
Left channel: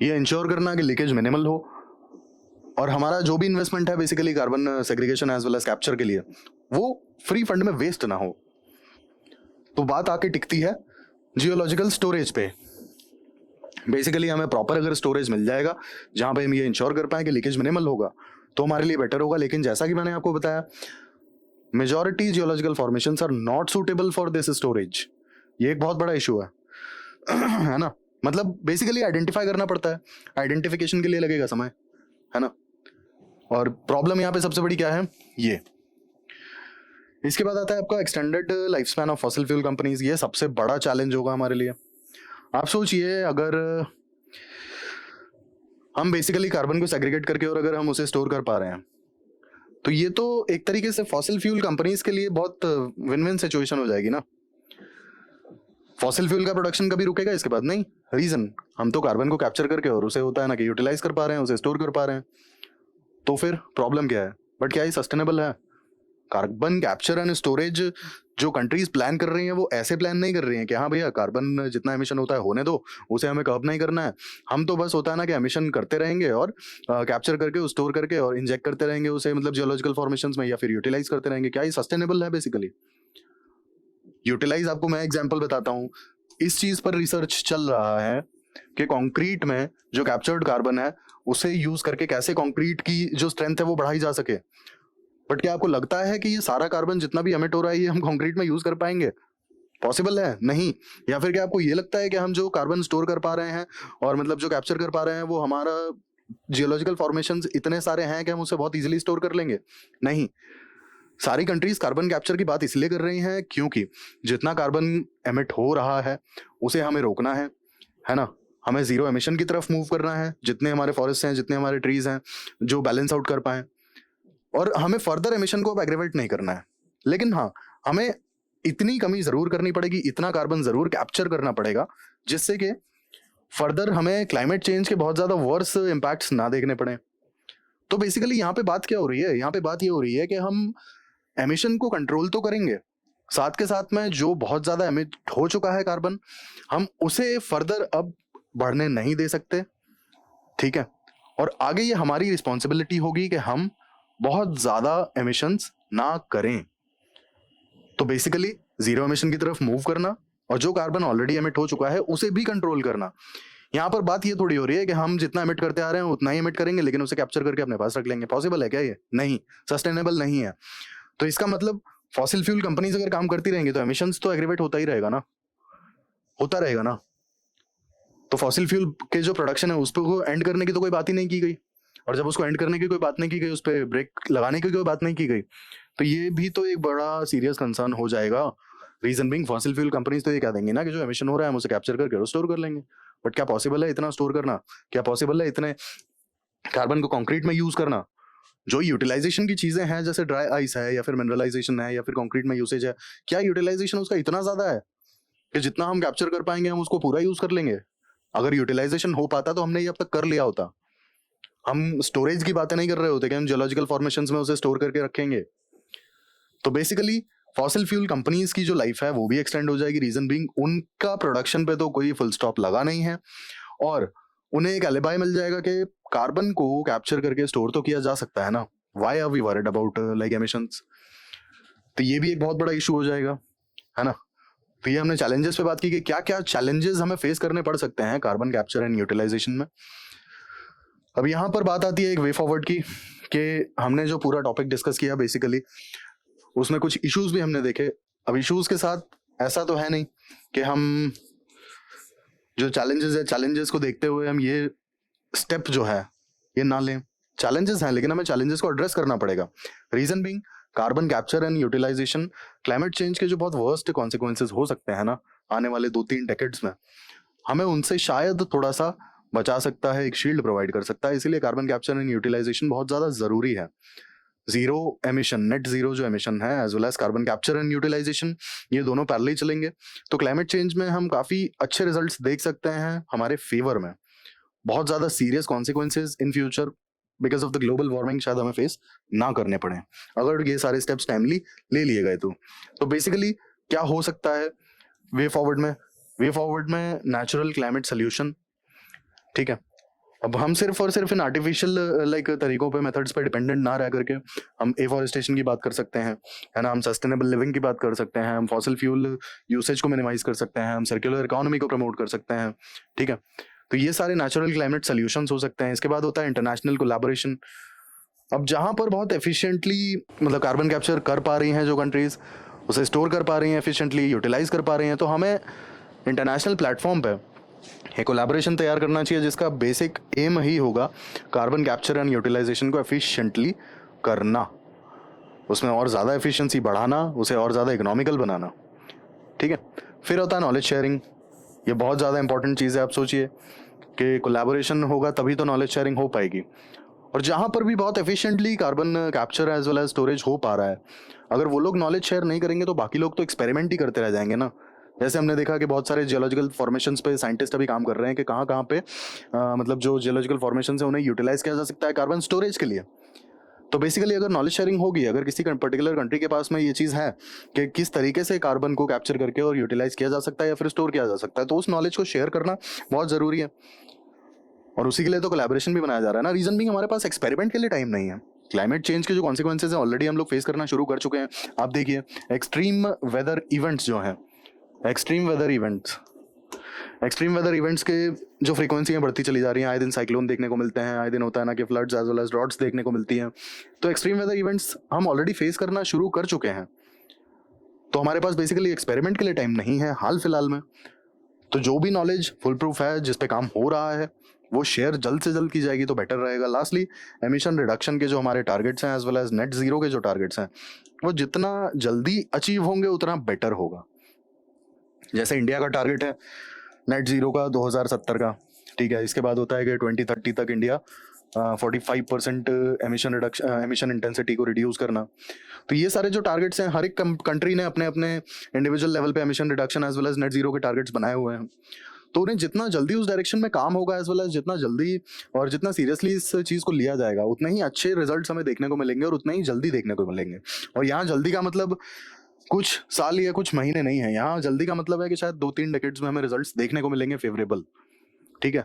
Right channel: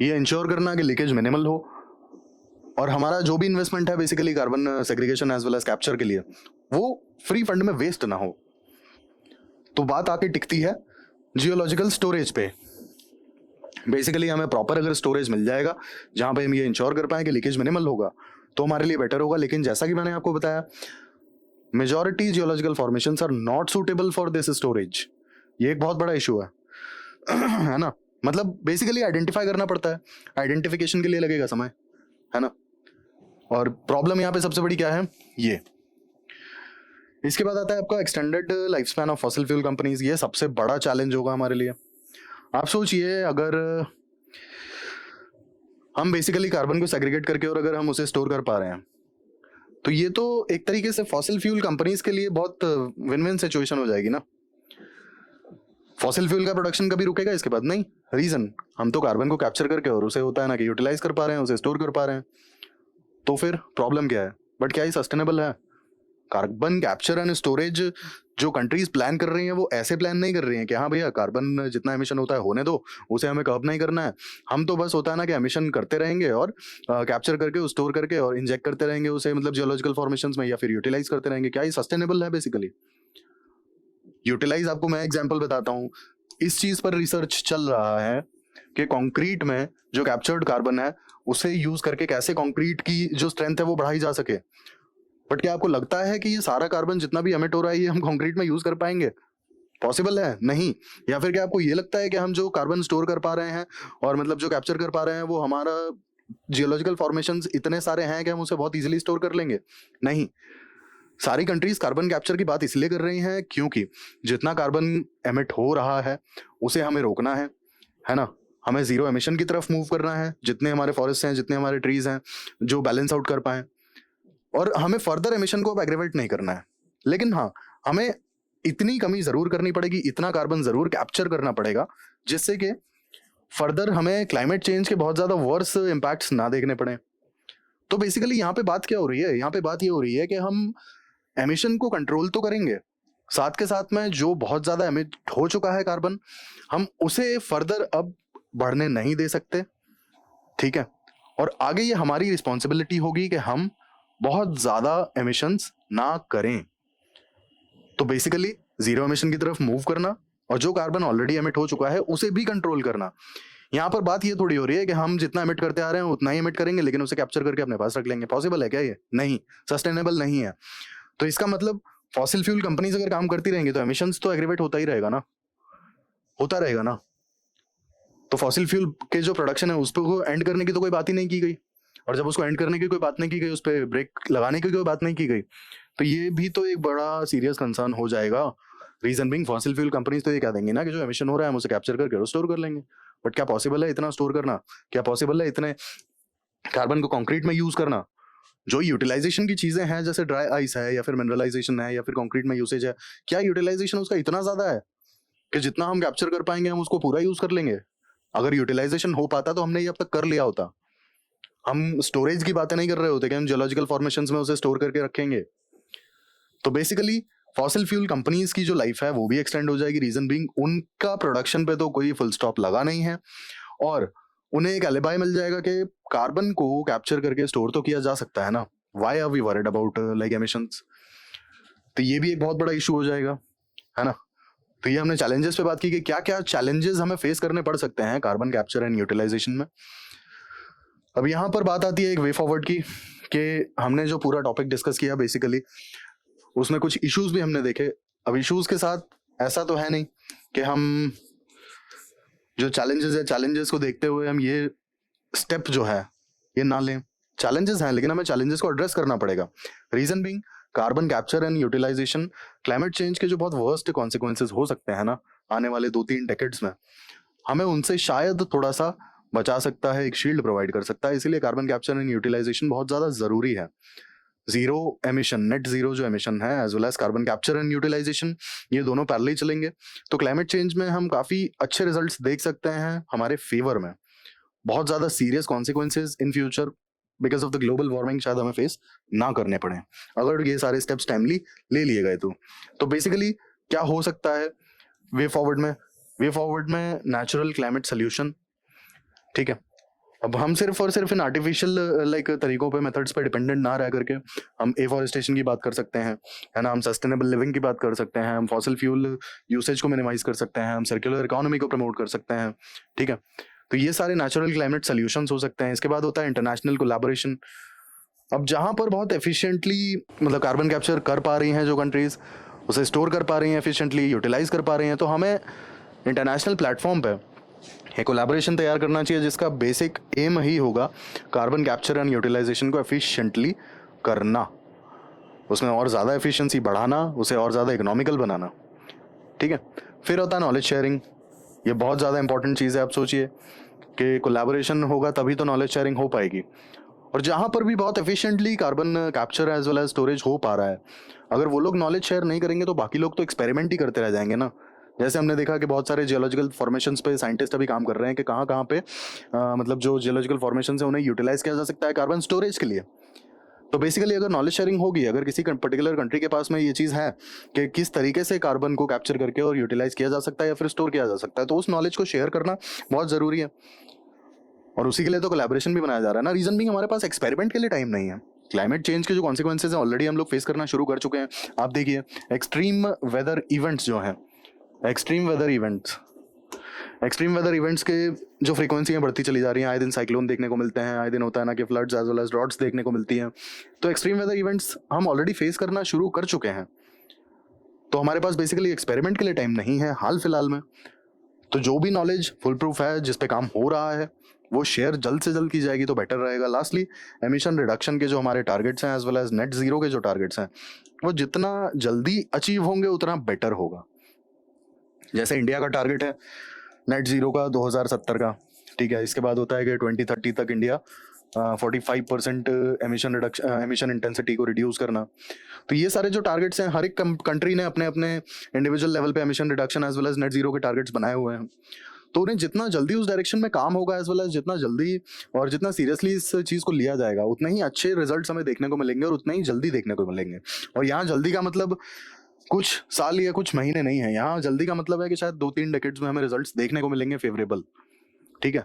ये इंश्योर करना कि लीकेज मिनिमल हो और हमारा जो भी इन्वेस्टमेंट है basically carbon segregation as well as capture के लिए वो फ्री फंड में वेस्ट ना हो। तो बात आके टिकती है जियोलॉजिकल स्टोरेज पे। बेसिकली हमें प्रॉपर अगर स्टोरेज मिल जाएगा जहां पे हम ये इंश्योर कर पाए कि लीकेज मिनिमल होगा तो हमारे लिए बेटर होगा। लेकिन जैसा कि मैंने आपको बताया majority geological formations are not suitable for this storage. ये एक बहुत बड़ा इशू है है ना। मतलब बेसिकली आइडेंटिफाई करना पड़ता है, आइडेंटिफिकेशन के लिए लगेगा समय, है ना। और प्रॉब्लम यहाँ पे सबसे बड़ी क्या है ये। इसके बाद आता है आपका extended life span of fossil fuel companies. ये सबसे बड़ा चैलेंज होगा हमारे लिए। आप सोचिए अगर हम बेसिकली कार्बन को सेग्रीगेट करके और अगर हम उसे स्टोर कर पा रहे हैं तो ये तो एक तरीके से फॉसिल फ्यूल कंपनीज के लिए बहुत विन विन सिचुएशन हो जाएगी ना। फॉसिल फ्यूल का प्रोडक्शन कभी रुकेगा इसके बाद नहीं। रीजन हम तो कार्बन को कैप्चर करके और उसे होता है ना कि यूटिलाइज कर पा रहे हैं, उसे स्टोर कर पा रहे हैं। तो फिर प्रॉब्लम क्या है, बट क्या ये सस्टेनेबल है। कार्बन कैप्चर एंड स्टोरेज जो कंट्रीज प्लान कर रही हैं वो ऐसे प्लान नहीं कर रही हैं कि हाँ भैया कार्बन जितना एमिशन होता है होने दो, उसे हमें कर्ब नहीं करना है। हम तो बस होता है ना कि एमिशन करते रहेंगे और कैप्चर करके स्टोर करके और इंजेक्ट करते रहेंगे उसे, मतलब जियोलॉजिकल फॉर्मेशंस में, या फिर यूटिलाइज करते रहेंगे। क्या ये सस्टेनेबल है। बेसिकली यूटिलाइज आपको मैं एग्जांपल बताता हूँ। इस चीज पर रिसर्च चल रहा है कि कंक्रीट में जो कैप्चर्ड कार्बन है उसे यूज करके कैसे कंक्रीट की जो स्ट्रेंथ है वो बढ़ाई जा सके। बट क्या आपको लगता है कि ये सारा कार्बन जितना भी एमिट हो रहा है ये हम कंक्रीट में यूज कर पाएंगे। पॉसिबल है नहीं। या फिर क्या आपको ये लगता है कि हम जो कार्बन स्टोर कर पा रहे हैं और मतलब जो कैप्चर कर पा रहे हैं वो हमारा जियोलॉजिकल फॉर्मेशंस इतने सारे हैं कि हम उसे बहुत इजीली स्टोर कर लेंगे। नहीं। सारी कंट्रीज कार्बन कैप्चर की बात इसलिए कर रही हैं क्योंकि जितना कार्बन एमिट हो रहा है उसे हमें रोकना है ना। हमें जीरो एमिशन की तरफ मूव करना है। जितने हमारे फॉरेस्ट हैं, जितने हमारे ट्रीज हैं जो बैलेंस आउट कर पाए, और हमें फर्दर एमिशन को एग्रीवेट नहीं करना है। लेकिन हाँ, हमें इतनी कमी जरूर करनी पड़ेगी, इतना कार्बन जरूर कैप्चर करना पड़ेगा जिससे कि फर्दर हमें क्लाइमेट चेंज के बहुत ज्यादा वर्स इंपैक्ट्स ना देखने पड़े। तो बेसिकली यहाँ पे बात क्या हो रही है, यहाँ पे बात ये हो रही है कि हम एमिशन को कंट्रोल तो करेंगे, साथ के साथ में जो बहुत ज्यादा एमिट हो चुका है कार्बन हम उसे फर्दर अब बढ़ने नहीं दे सकते। ठीक है। और आगे ये हमारी रिस्पॉन्सिबिलिटी होगी कि हम बहुत ज्यादा एमिशंस ना करें। तो बेसिकली जीरो एमिशन की तरफ मूव करना और जो कार्बन ऑलरेडी एमिट हो चुका है उसे भी कंट्रोल करना। यहाँ पर बात ये थोड़ी हो रही है कि हम जितना एमिट करते आ रहे हैं उतना ही एमिट करेंगे लेकिन उसे कैप्चर करके अपने पास रख लेंगे। पॉसिबल है क्या ये? नहीं, सस्टेनेबल नहीं है। तो इसका मतलब फॉसिल फ्यूल कंपनीज अगर काम करती रहेंगी तो एमिशंस तो एग्रीवेट होता ही रहेगा ना, होता रहेगा ना। तो फॉसिल फ्यूल के जो प्रोडक्शन है उसको एंड करने की तो कोई बात ही नहीं की गई, और जब उसको एंड करने की कोई बात नहीं की गई, उस पर ब्रेक लगाने की कोई बात नहीं की गई, तो ये भी तो एक बड़ा सीरियस कंसर्न हो जाएगा। Reason being fossil fuel companies तो ये कह देंगे ना कि जो एमिशन हो रहा है हम उसे कैप्चर करके स्टोर कर लेंगे। बट क्या पॉसिबल है इतना स्टोर करना? क्या पॉसिबल है इतने कार्बन को कंक्रीट में यूज करना? जो यूटिलाइजेशन की चीजें हैं जैसे ड्राई आइस है या फिर मिनरलाइजेशन है या फिर कंक्रीट में यूसेज है, क्या यूटिलाइजेशन उसका इतना ज्यादा है कि जितना हम कैप्चर कर पाएंगे हम उसको पूरा यूज कर लेंगे? अगर यूटिलाइजेशन हो पाता तो हमने ये अब तक कर लिया होता। हम स्टोरेज की बातें नहीं कर रहे होते कि हम जियोलॉजिकल फॉर्मेशंस में उसे स्टोर करके रखेंगे। तो बेसिकली फॉसिल फ्यूल कंपनीज की जो लाइफ है वो भी एक्सटेंड हो जाएगी। रीजन बीइंग उनका प्रोडक्शन पे तो कोई फुल स्टॉप लगा नहीं है और उन्हें एक एलिबाई मिल जाएगा कि कार्बन को कैप्चर करके स्टोर तो किया जा सकता है ना। Why are we worried about like emissions? तो ये भी एक बहुत बड़ा इशू हो जाएगा, है ना। तो ये हमने चैलेंजेस पे बात की कि क्या क्या चैलेंजेस हमें फेस करने पड़ सकते हैं कार्बन कैप्चर एंड यूटिलाइजेशन में। अब यहाँ पर बात आती है एक वे फॉरवर्ड की कि हमने जो पूरा टॉपिक डिस्कस किया बेसिकली उसमें कुछ इश्यूज भी हमने देखे। अब इश्यूज के साथ ऐसा तो है नहीं कि हम जो चैलेंजेस है चैलेंजेस को देखते हुए हम ये स्टेप जो है ये ना लें। चैलेंजेस है लेकिन हमें चैलेंजेस को एड्रेस करना पड़ेगा। Reason being carbon capture and utilisation climate change के जो बहुत वर्स्ट कॉन्सिक्वेंसेस हो सकते हैं ना आने वाले 2-3 डेकेड्स में, हमें उनसे शायद थोड़ा सा बचा सकता है, एक शील्ड प्रोवाइड कर सकता है। इसीलिए कार्बन कैप्चर एंड यूटिलाइजेशन बहुत ज़्यादा ज़रूरी है। जीरो एमिशन, नेट जीरो जो एमिशन है, as well as carbon capture and utilisation, ये दोनों पैरेलल चलेंगे तो क्लाइमेट चेंज में हम काफ़ी अच्छे रिजल्ट्स देख सकते हैं हमारे फेवर में। बहुत ज़्यादा serious consequences in future because of the global warming शायद हमें फेस ना करने पड़े अगर ये सारे स्टेप्स टाइमली ले लिए गए तो बेसिकली क्या हो सकता है वे फॉरवर्ड में नेचुरल क्लाइमेट सोल्यूशन। ठीक है, अब हम सिर्फ और सिर्फ इन आर्टिफिशियल लाइक तरीकों पे मेथड्स पे डिपेंडेंट ना रह करके हम एफॉरेस्टेशन की बात कर सकते हैं, है ना, हम सस्टेनेबल लिविंग की बात कर सकते हैं, हम फॉसिल फ्यूल यूसेज को मिनिमाइज कर सकते हैं, हम सर्कुलर इकोनॉमी को प्रमोट कर सकते हैं। ठीक है, तो ये सारे नेचुरल क्लाइमेट सोल्यूशंस हो सकते हैं। इसके बाद होता है इंटरनेशनल कोलैबोरेशन। अब जहाँ पर बहुत एफिशिएंटली मतलब कार्बन कैप्चर कर पा रही हैं जो कंट्रीज, उसे स्टोर कर पा रही हैं एफिशिएंटली, यूटिलाइज कर पा रही हैं, तो हमें इंटरनेशनल प्लेटफॉर्म पे एक कोलैबोरेशन तैयार करना चाहिए जिसका बेसिक एम ही होगा कार्बन कैप्चर एंड यूटिलाइजेशन को एफिशिएंटली करना, उसमें और ज़्यादा एफिशिएंसी बढ़ाना, उसे और ज़्यादा इकोनॉमिकल बनाना। ठीक है, फिर होता है नॉलेज शेयरिंग। ये बहुत ज़्यादा इंपॉर्टेंट चीज़ है। आप सोचिए कि कोलैबोरेशन होगा तभी तो नॉलेज शेयरिंग हो पाएगी। और जहाँ पर भी बहुत efficiently carbon capture as well as storage हो पा रहा है, अगर वो लोग नॉलेज शेयर नहीं करेंगे तो बाकी लोग तो एक्सपेरिमेंट ही करते रह जाएंगे ना। जैसे हमने देखा कि बहुत सारे जियोलॉजिकल फॉर्मेशंस पे साइंटिस्ट अभी काम कर रहे हैं कि कहाँ कहाँ पे मतलब जो जियोलॉजिकल फॉर्मेशन है उन्हें यूटिलाइज किया जा सकता है कार्बन स्टोरेज के लिए। तो बेसिकली अगर नॉलेज शेयरिंग होगी, अगर किसी पर्टिकुलर कंट्री के पास में ये चीज़ है कि किस तरीके से कार्बन को कैप्चर करके और यूटिलाइज किया जा सकता है या फिर स्टोर किया जा सकता है, तो उस नॉलेज को शेयर करना बहुत ज़रूरी है। और उसी के लिए तो कोलैबोरेशन भी बनाया जा रहा है ना। रीजन भी हमारे पास एक्सपेरिमेंट के लिए टाइम नहीं है। क्लाइमेट चेंज के जो कॉन्सिक्वेंसेज है ऑलरेडी हम लोग फेस करना शुरू कर चुके हैं। आप देखिए एक्सट्रीम वेदर इवेंट्स जो हैं, एक्सट्रीम वेदर इवेंट्स के जो फ्रीक्वेंसी बढ़ती चली जा रही हैं, आए दिन साइक्लोन देखने को मिलते हैं, आए दिन होता है ना कि floods as well as droughts देखने को मिलती हैं। तो एक्सट्रीम वेदर इवेंट्स हम ऑलरेडी फेस करना शुरू कर चुके हैं, तो हमारे पास बेसिकली एक्सपेरिमेंट के लिए टाइम नहीं है हाल फिलहाल में। तो जो भी नॉलेज फुल प्रूफ है, जिस पे काम हो रहा है, वो शेयर जल्द से जल्द की जाएगी तो बेटर रहेगा। लास्टली एमिशन रिडक्शन के जो हमारे टारगेट्स हैं as well as net zero के जो टारगेट्स हैं, वो जितना जल्दी अचीव होंगे उतना बेटर होगा। जैसे इंडिया का टारगेट है नेट जीरो का 2070 का, ठीक है, इसके बाद होता है कि 2030 तक इंडिया 45% एमिशन इंटेंसिटी को रिड्यूस करना। तो ये सारे जो टारगेट्स हैं, हर एक कंट्री ने अपने अपने इंडिविजुअल लेवल पे emission reduction as well as net zero के टारगेट्स बनाए हुए हैं। तो उन्हें जितना जल्दी उस डायरेक्शन में काम होगा एज वेल एज जितना जल्दी और जितना सीरियसली इस चीज़ को लिया जाएगा, उतने ही अच्छे रिजल्ट्स हमें देखने को मिलेंगे और उतने ही जल्दी देखने को मिलेंगे। और यहाँ जल्दी का मतलब कुछ साल या कुछ महीने नहीं है, यहाँ जल्दी का मतलब है कि शायद 2-3 डेकेड्स में हमें रिजल्ट्स देखने को मिलेंगे फेवरेबल। ठीक है,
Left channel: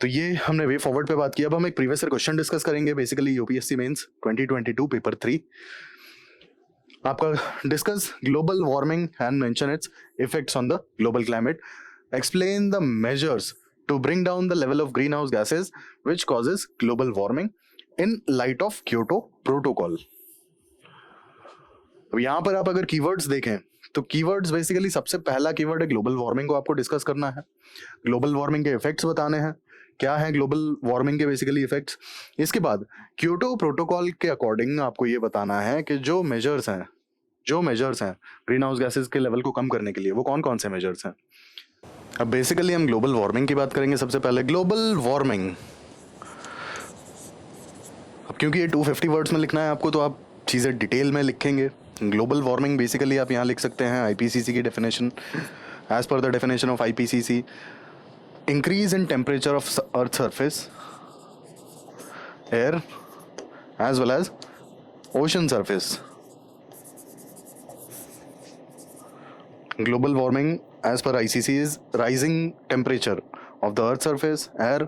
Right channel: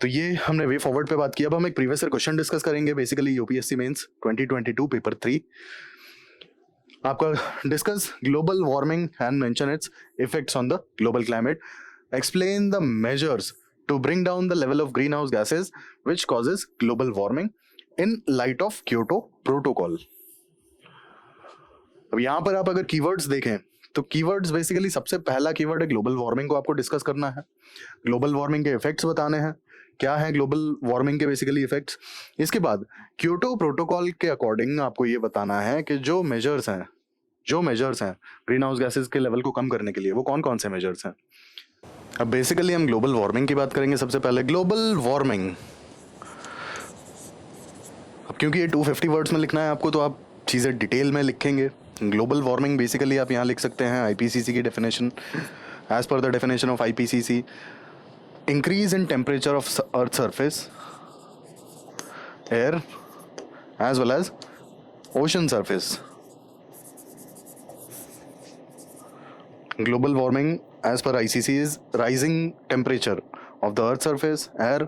तो ये हमने वे फॉरवर्ड पे बात किया। अब हम एक प्रीवियस ईयर क्वेश्चन डिस्कस करेंगे, बेसिकली यूपीएससी मेंस 2022 पेपर 3 आपका discuss global warming and mention its effects on the global climate, explain the measures to bring down the level of green house gases which causes global warming in light of Kyoto protocol. अब यहाँ पर आप अगर कीवर्ड्स देखें तो कीवर्ड्स बेसिकली सबसे पहला कीवर्ड है ग्लोबल वार्मिंग को आपको डिस्कस करना है, ग्लोबल वार्मिंग के इफेक्ट्स बताने हैं, क्या है ग्लोबल वार्मिंग के बेसिकली इफेक्ट्स। इसके बाद क्योटो प्रोटोकॉल के अकॉर्डिंग आपको ये बताना है कि जो मेजर्स हैं ग्रीन हाउस गैसेस के लेवल को कम करने के लिए, वो कौन कौन से मेजर्स हैं। अब बेसिकली हम ग्लोबल वार्मिंग की बात करेंगे सबसे पहले। ग्लोबल वार्मिंग, अब क्योंकि ये 250 वर्ड्स में लिखना है आपको, तो आप चीज़ें डिटेल में लिखेंगे। ग्लोबल वार्मिंग बेसिकली आप यहाँ लिख सकते हैं आईपीसीसी की definition. As per the definition of IPCC, increase in temperature of earth surface, air as well as ocean surface. Global warming as per ICC is rising temperature of the earth surface, air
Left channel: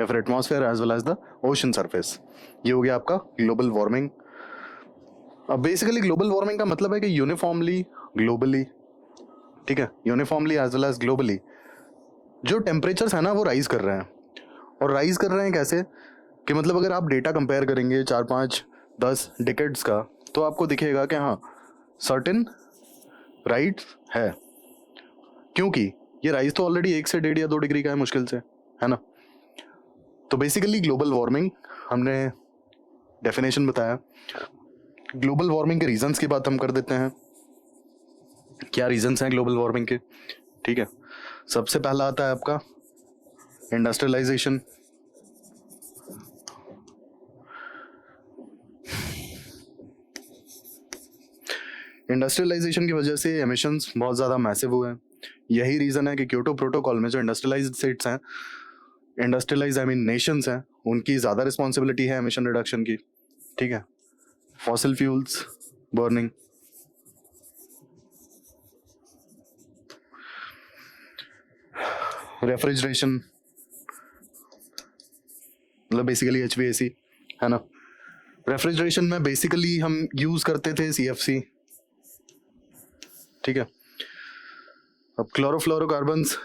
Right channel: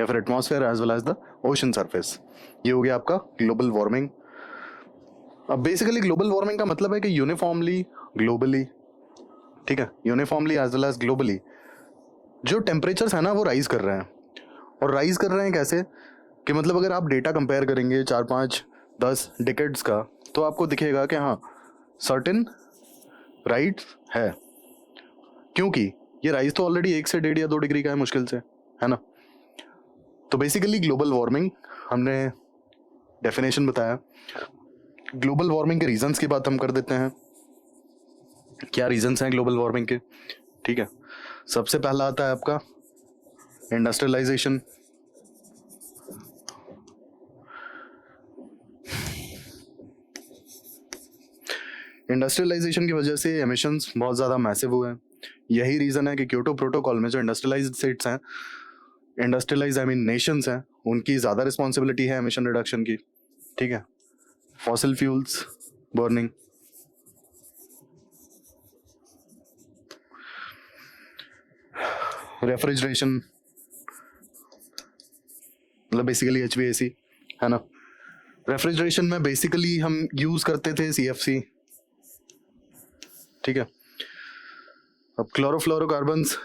या फिर atmosphere as well as the ocean surface। ये हो गया आपका ग्लोबल वार्मिंग। अब बेसिकली ग्लोबल वार्मिंग का मतलब है कि यूनिफॉर्मली ग्लोबली, ठीक है, uniformly as well as globally जो टेम्परेचर्स है ना वो राइज कर रहे हैं। और राइज कर रहे हैं कैसे कि मतलब अगर आप डेटा कंपेयर करेंगे 4-5-10 डिकेड्स का, तो आपको दिखेगा कि हाँ सर्टेन राइट है, क्योंकि ये राइज तो ऑलरेडी 1 से 1.5 या 2 डिग्री का है मुश्किल से, है ना। तो बेसिकली ग्लोबल वार्मिंग हमने डेफिनेशन बताया। ग्लोबल वार्मिंग के रीजंस की बात हम कर देते हैं, क्या रीजंस हैं ग्लोबल वार्मिंग के। ठीक है, सबसे पहला आता है आपका इंडस्ट्रियलाइजेशन। इंडस्ट्रियलाइजेशन की वजह से एमिशंस बहुत ज़्यादा मैसिव हुए हैं। यही रीज़न है कि क्योटो प्रोटोकॉल में जो इंडस्ट्रियलाइज्ड स्टेट्स हैं, इंडस्ट्रियलाइज आई मीन नेशंस हैं, उनकी ज़्यादा रिस्पॉन्सिबिलिटी है एमिशन रिडक्शन की। ठीक है, फॉसिल फ्यूल्स बर्निंग, रेफ्रिजरेशन, मतलब बेसिकली HVAC है ना। रेफ्रिजरेशन में बेसिकली हम यूज करते थे CFC। ठीक है, अब क्लोरोफ्लोरोकार्बन्स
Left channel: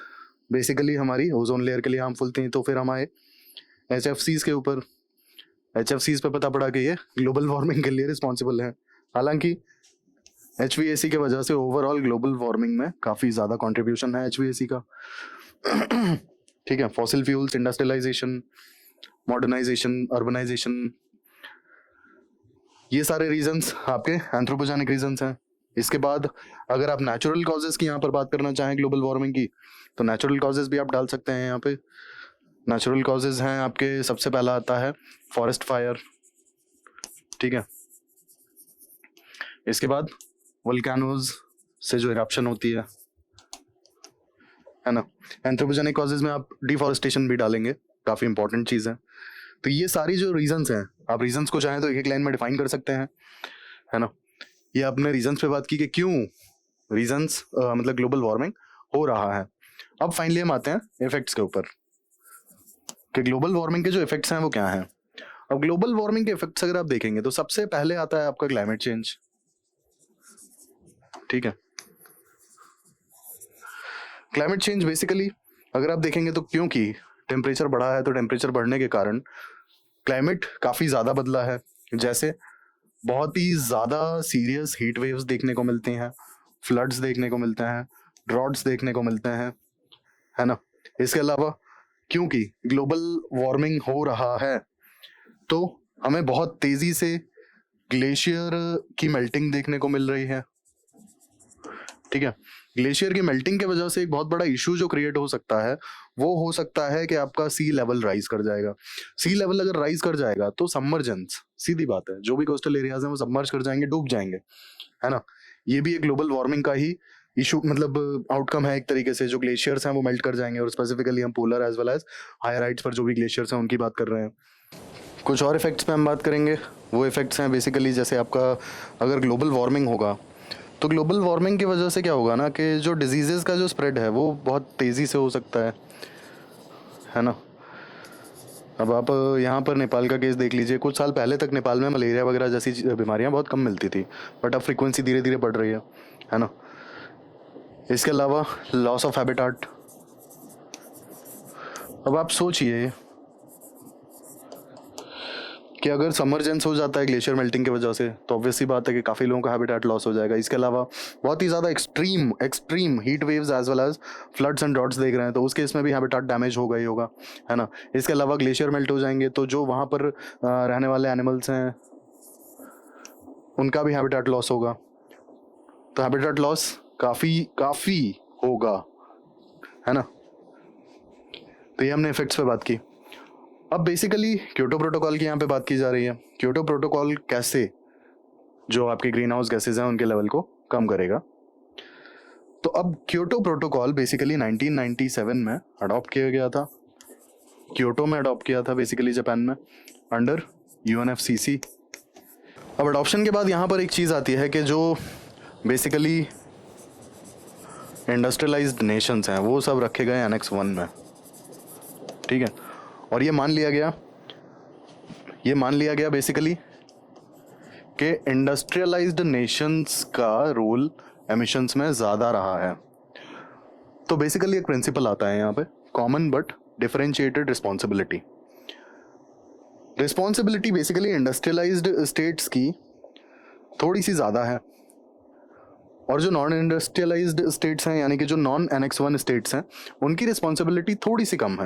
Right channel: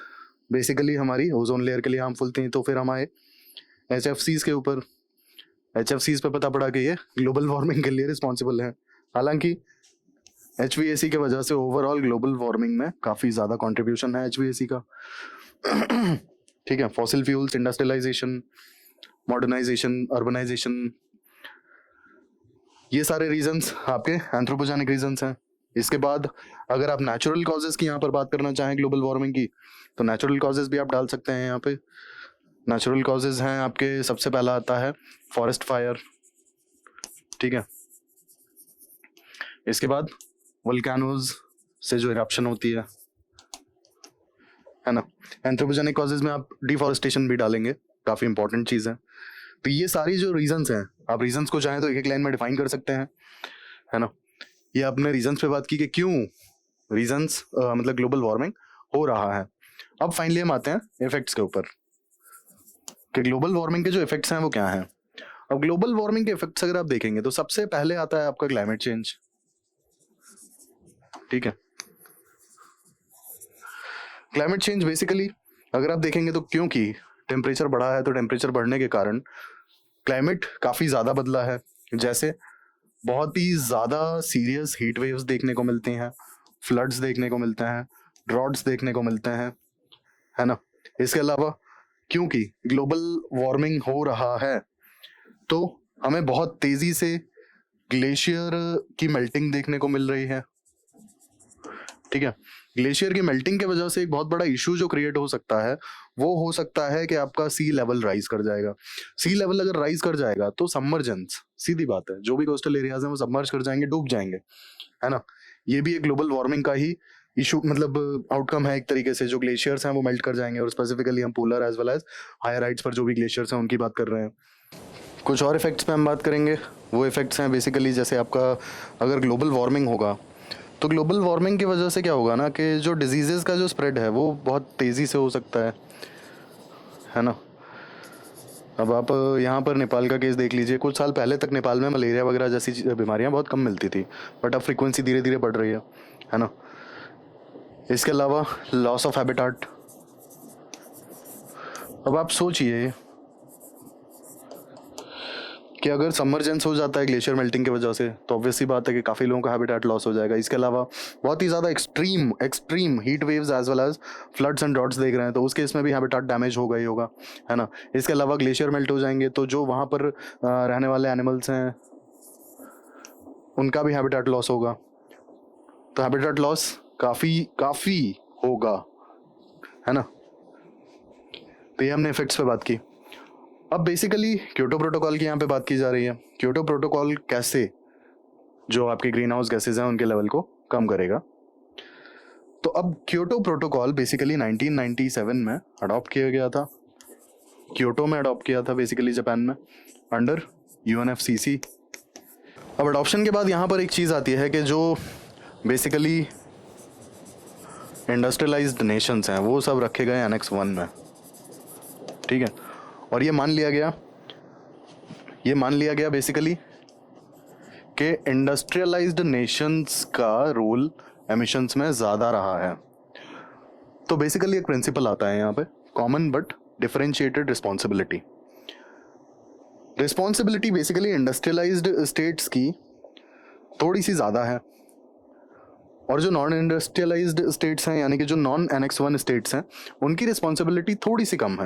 बेसिकली हमारी ओजोन लेयर के लिए हार्मफुल थी, तो फिर हम आए HFCs के ऊपर। HFCs पे पता पड़ा कि ये ग्लोबल वार्मिंग के लिए रिस्पॉन्सिबल है। हालांकि HVAC के वजह से ओवरऑल ग्लोबल वार्मिंग में काफ़ी ज़्यादा कंट्रीब्यूशन है HVAC का। ठीक है, fossil fuels, industrialisation, modernisation, urbanisation, ये सारे रीजंस आपके एंथ्रोपोजेनिक रीजंस हैं। इसके बाद अगर आप नेचुरल कॉजेज की यहाँ पर बात करना चाहें ग्लोबल वार्मिंग की, तो नेचुरल कॉजेज भी आप डाल सकते हैं यहाँ पे। नेचुरल कॉजेज हैं आपके, सबसे पहला आता है फॉरेस्ट फायर। ठीक है, इसके बाद वोल्केनोज से जो इरप्शन होती है ना। एंथ्रोपोजेनिक कॉजेज में आप डिफॉरेस्टेशन भी डालेंगे, काफ़ी इंपॉर्टेंट चीज़ है। तो ये सारी जो रीजंस हैं, आप रीजंस को चाहें तो एक एक लाइन में डिफाइन कर सकते हैं, है ना। ये आपने रीजंस पे बात की कि क्यों रीजंस मतलब ग्लोबल वार्मिंग हो रहा है। अब फाइनली हम आते हैं इफेक्ट्स के ऊपर कि ग्लोबल वार्मिंग के जो इफेक्ट्स हैं वो क्या हैं। अब ग्लोबल वार्मिंग के इफेक्ट्स अगर आप देखेंगे तो सबसे पहले आता है आपका क्लाइमेट चेंज। ठीक है, क्लाइमेट चेंज बेसिकली अगर आप देखेंगे तो क्योंकि टेम्परेचर बढ़ा है, तो टेम्परेचर बढ़ने के कारण क्लाइमेट काफ़ी ज़्यादा बदला है। जैसे बहुत ही ज़्यादा सीरियस हीट वेव्स देखने को मिलते हैं, फ्लड्स देखने को मिलते हैं, ड्रॉट्स देखने को मिलते हैं, है ना। इसके अलावा क्योंकि ग्लोबल वार्मिंग हो रहा है तो हमें बहुत तेज़ी से ग्लेशियर की मेल्टिंग देखने को मिल रही है। ठीक है, ग्लेशियर की मेल्टिंग की वजह से एक बहुत बड़ा इशू जो क्रिएट हो सकता है वो हो सकता है कि आपका सी लेवल राइज कर जाएगा। सी लेवल अगर राइज कर जाएगा तो सबमर्जेंस, सीधी बात है, जो भी कोस्टल एरियाज हैं वो सबमर्ज कर जाएंगे, डूब जाएंगे, है ना। ये भी एक ग्लोबल वार्मिंग का ही इशू मतलब आउटकम है एक तरीके से। जो ग्लेशियर्स हैं वो मेल्ट कर जाएंगे, और स्पेसिफिकली हम polar as well as higher heights पर जो भी ग्लेशियर्स हैं उनकी बात कर रहे हैं। कुछ और इफेक्ट्स पे हम बात करेंगे। वो इफेक्ट्स हैं बेसिकली जैसे आपका अगर ग्लोबल वार्मिंग होगा तो ग्लोबल वार्मिंग की वजह से क्या होगा ना कि जो डिजीज़ेज़ का जो स्प्रेड है वो बहुत तेज़ी से हो सकता है ना। अब आप यहाँ पर नेपाल का केस देख लीजिए। कुछ साल पहले तक नेपाल में मलेरिया वगैरह जैसी बीमारियाँ बहुत कम मिलती थी, बट अब फ्रीक्वेंसी धीरे धीरे बढ़ रही है ना। इसके अलावा लॉस ऑफ हैबिटाट। अब आप सोचिए कि अगर समरजेंस हो जाता है ग्लेशियर मेल्टिंग की वजह से तो ऑब्वियसली बात है कि काफ़ी लोगों का हैबिटेट लॉस हो जाएगा। इसके अलावा बहुत ही ज़्यादा extreme heat waves as well as floods and droughts देख रहे हैं, तो उस केस में भी हैबिटेट डैमेज होगा ही होगा, है ना। इसके अलावा ग्लेशियर मेल्ट हो जाएंगे तो जो वहाँ पर रहने वाले एनिमल्स हैं उनका भी हैबिटेट लॉस होगा। तो हैबिटेट लॉस काफ़ी होगा, है ना। तो ये हमने इफेक्ट्स पे बात की। अब बेसिकली क्योटो प्रोटोकॉल की यहाँ पे बात की जा रही है। क्योटो प्रोटोकॉल कैसे जो आपके ग्रीन हाउस गैसेज हैं उनके लेवल को कम करेगा। तो अब क्योटो प्रोटोकॉल बेसिकली 1997 में अडॉप्ट किया गया था, क्योटो में अडॉप्ट किया था बेसिकली जापान में अंडर UNFCCC। अब अडॉप्शन के बाद यहाँ पर एक चीज़ आती है कि जो बेसिकली इंडस्ट्रियलाइज्ड नेशंस हैं वो सब रखे गए एनेक्स 1 में। ठीक है, और ये मान लिया गया बेसिकली कि इंडस्ट्रियलाइज्ड नेशंस का रोल एमिशंस में ज़्यादा रहा है। तो बेसिकली एक प्रिंसिपल आता है यहाँ पे, common but differentiated responsibility. Responsibility basically industrialised states की थोड़ी सी ज़्यादा है, और जो नॉन इंडस्ट्रियलाइज्ड स्टेट्स हैं यानी कि जो नॉन एनेक्स 1 स्टेट्स हैं उनकी रिस्पॉन्सिबिलिटी थोड़ी सी कम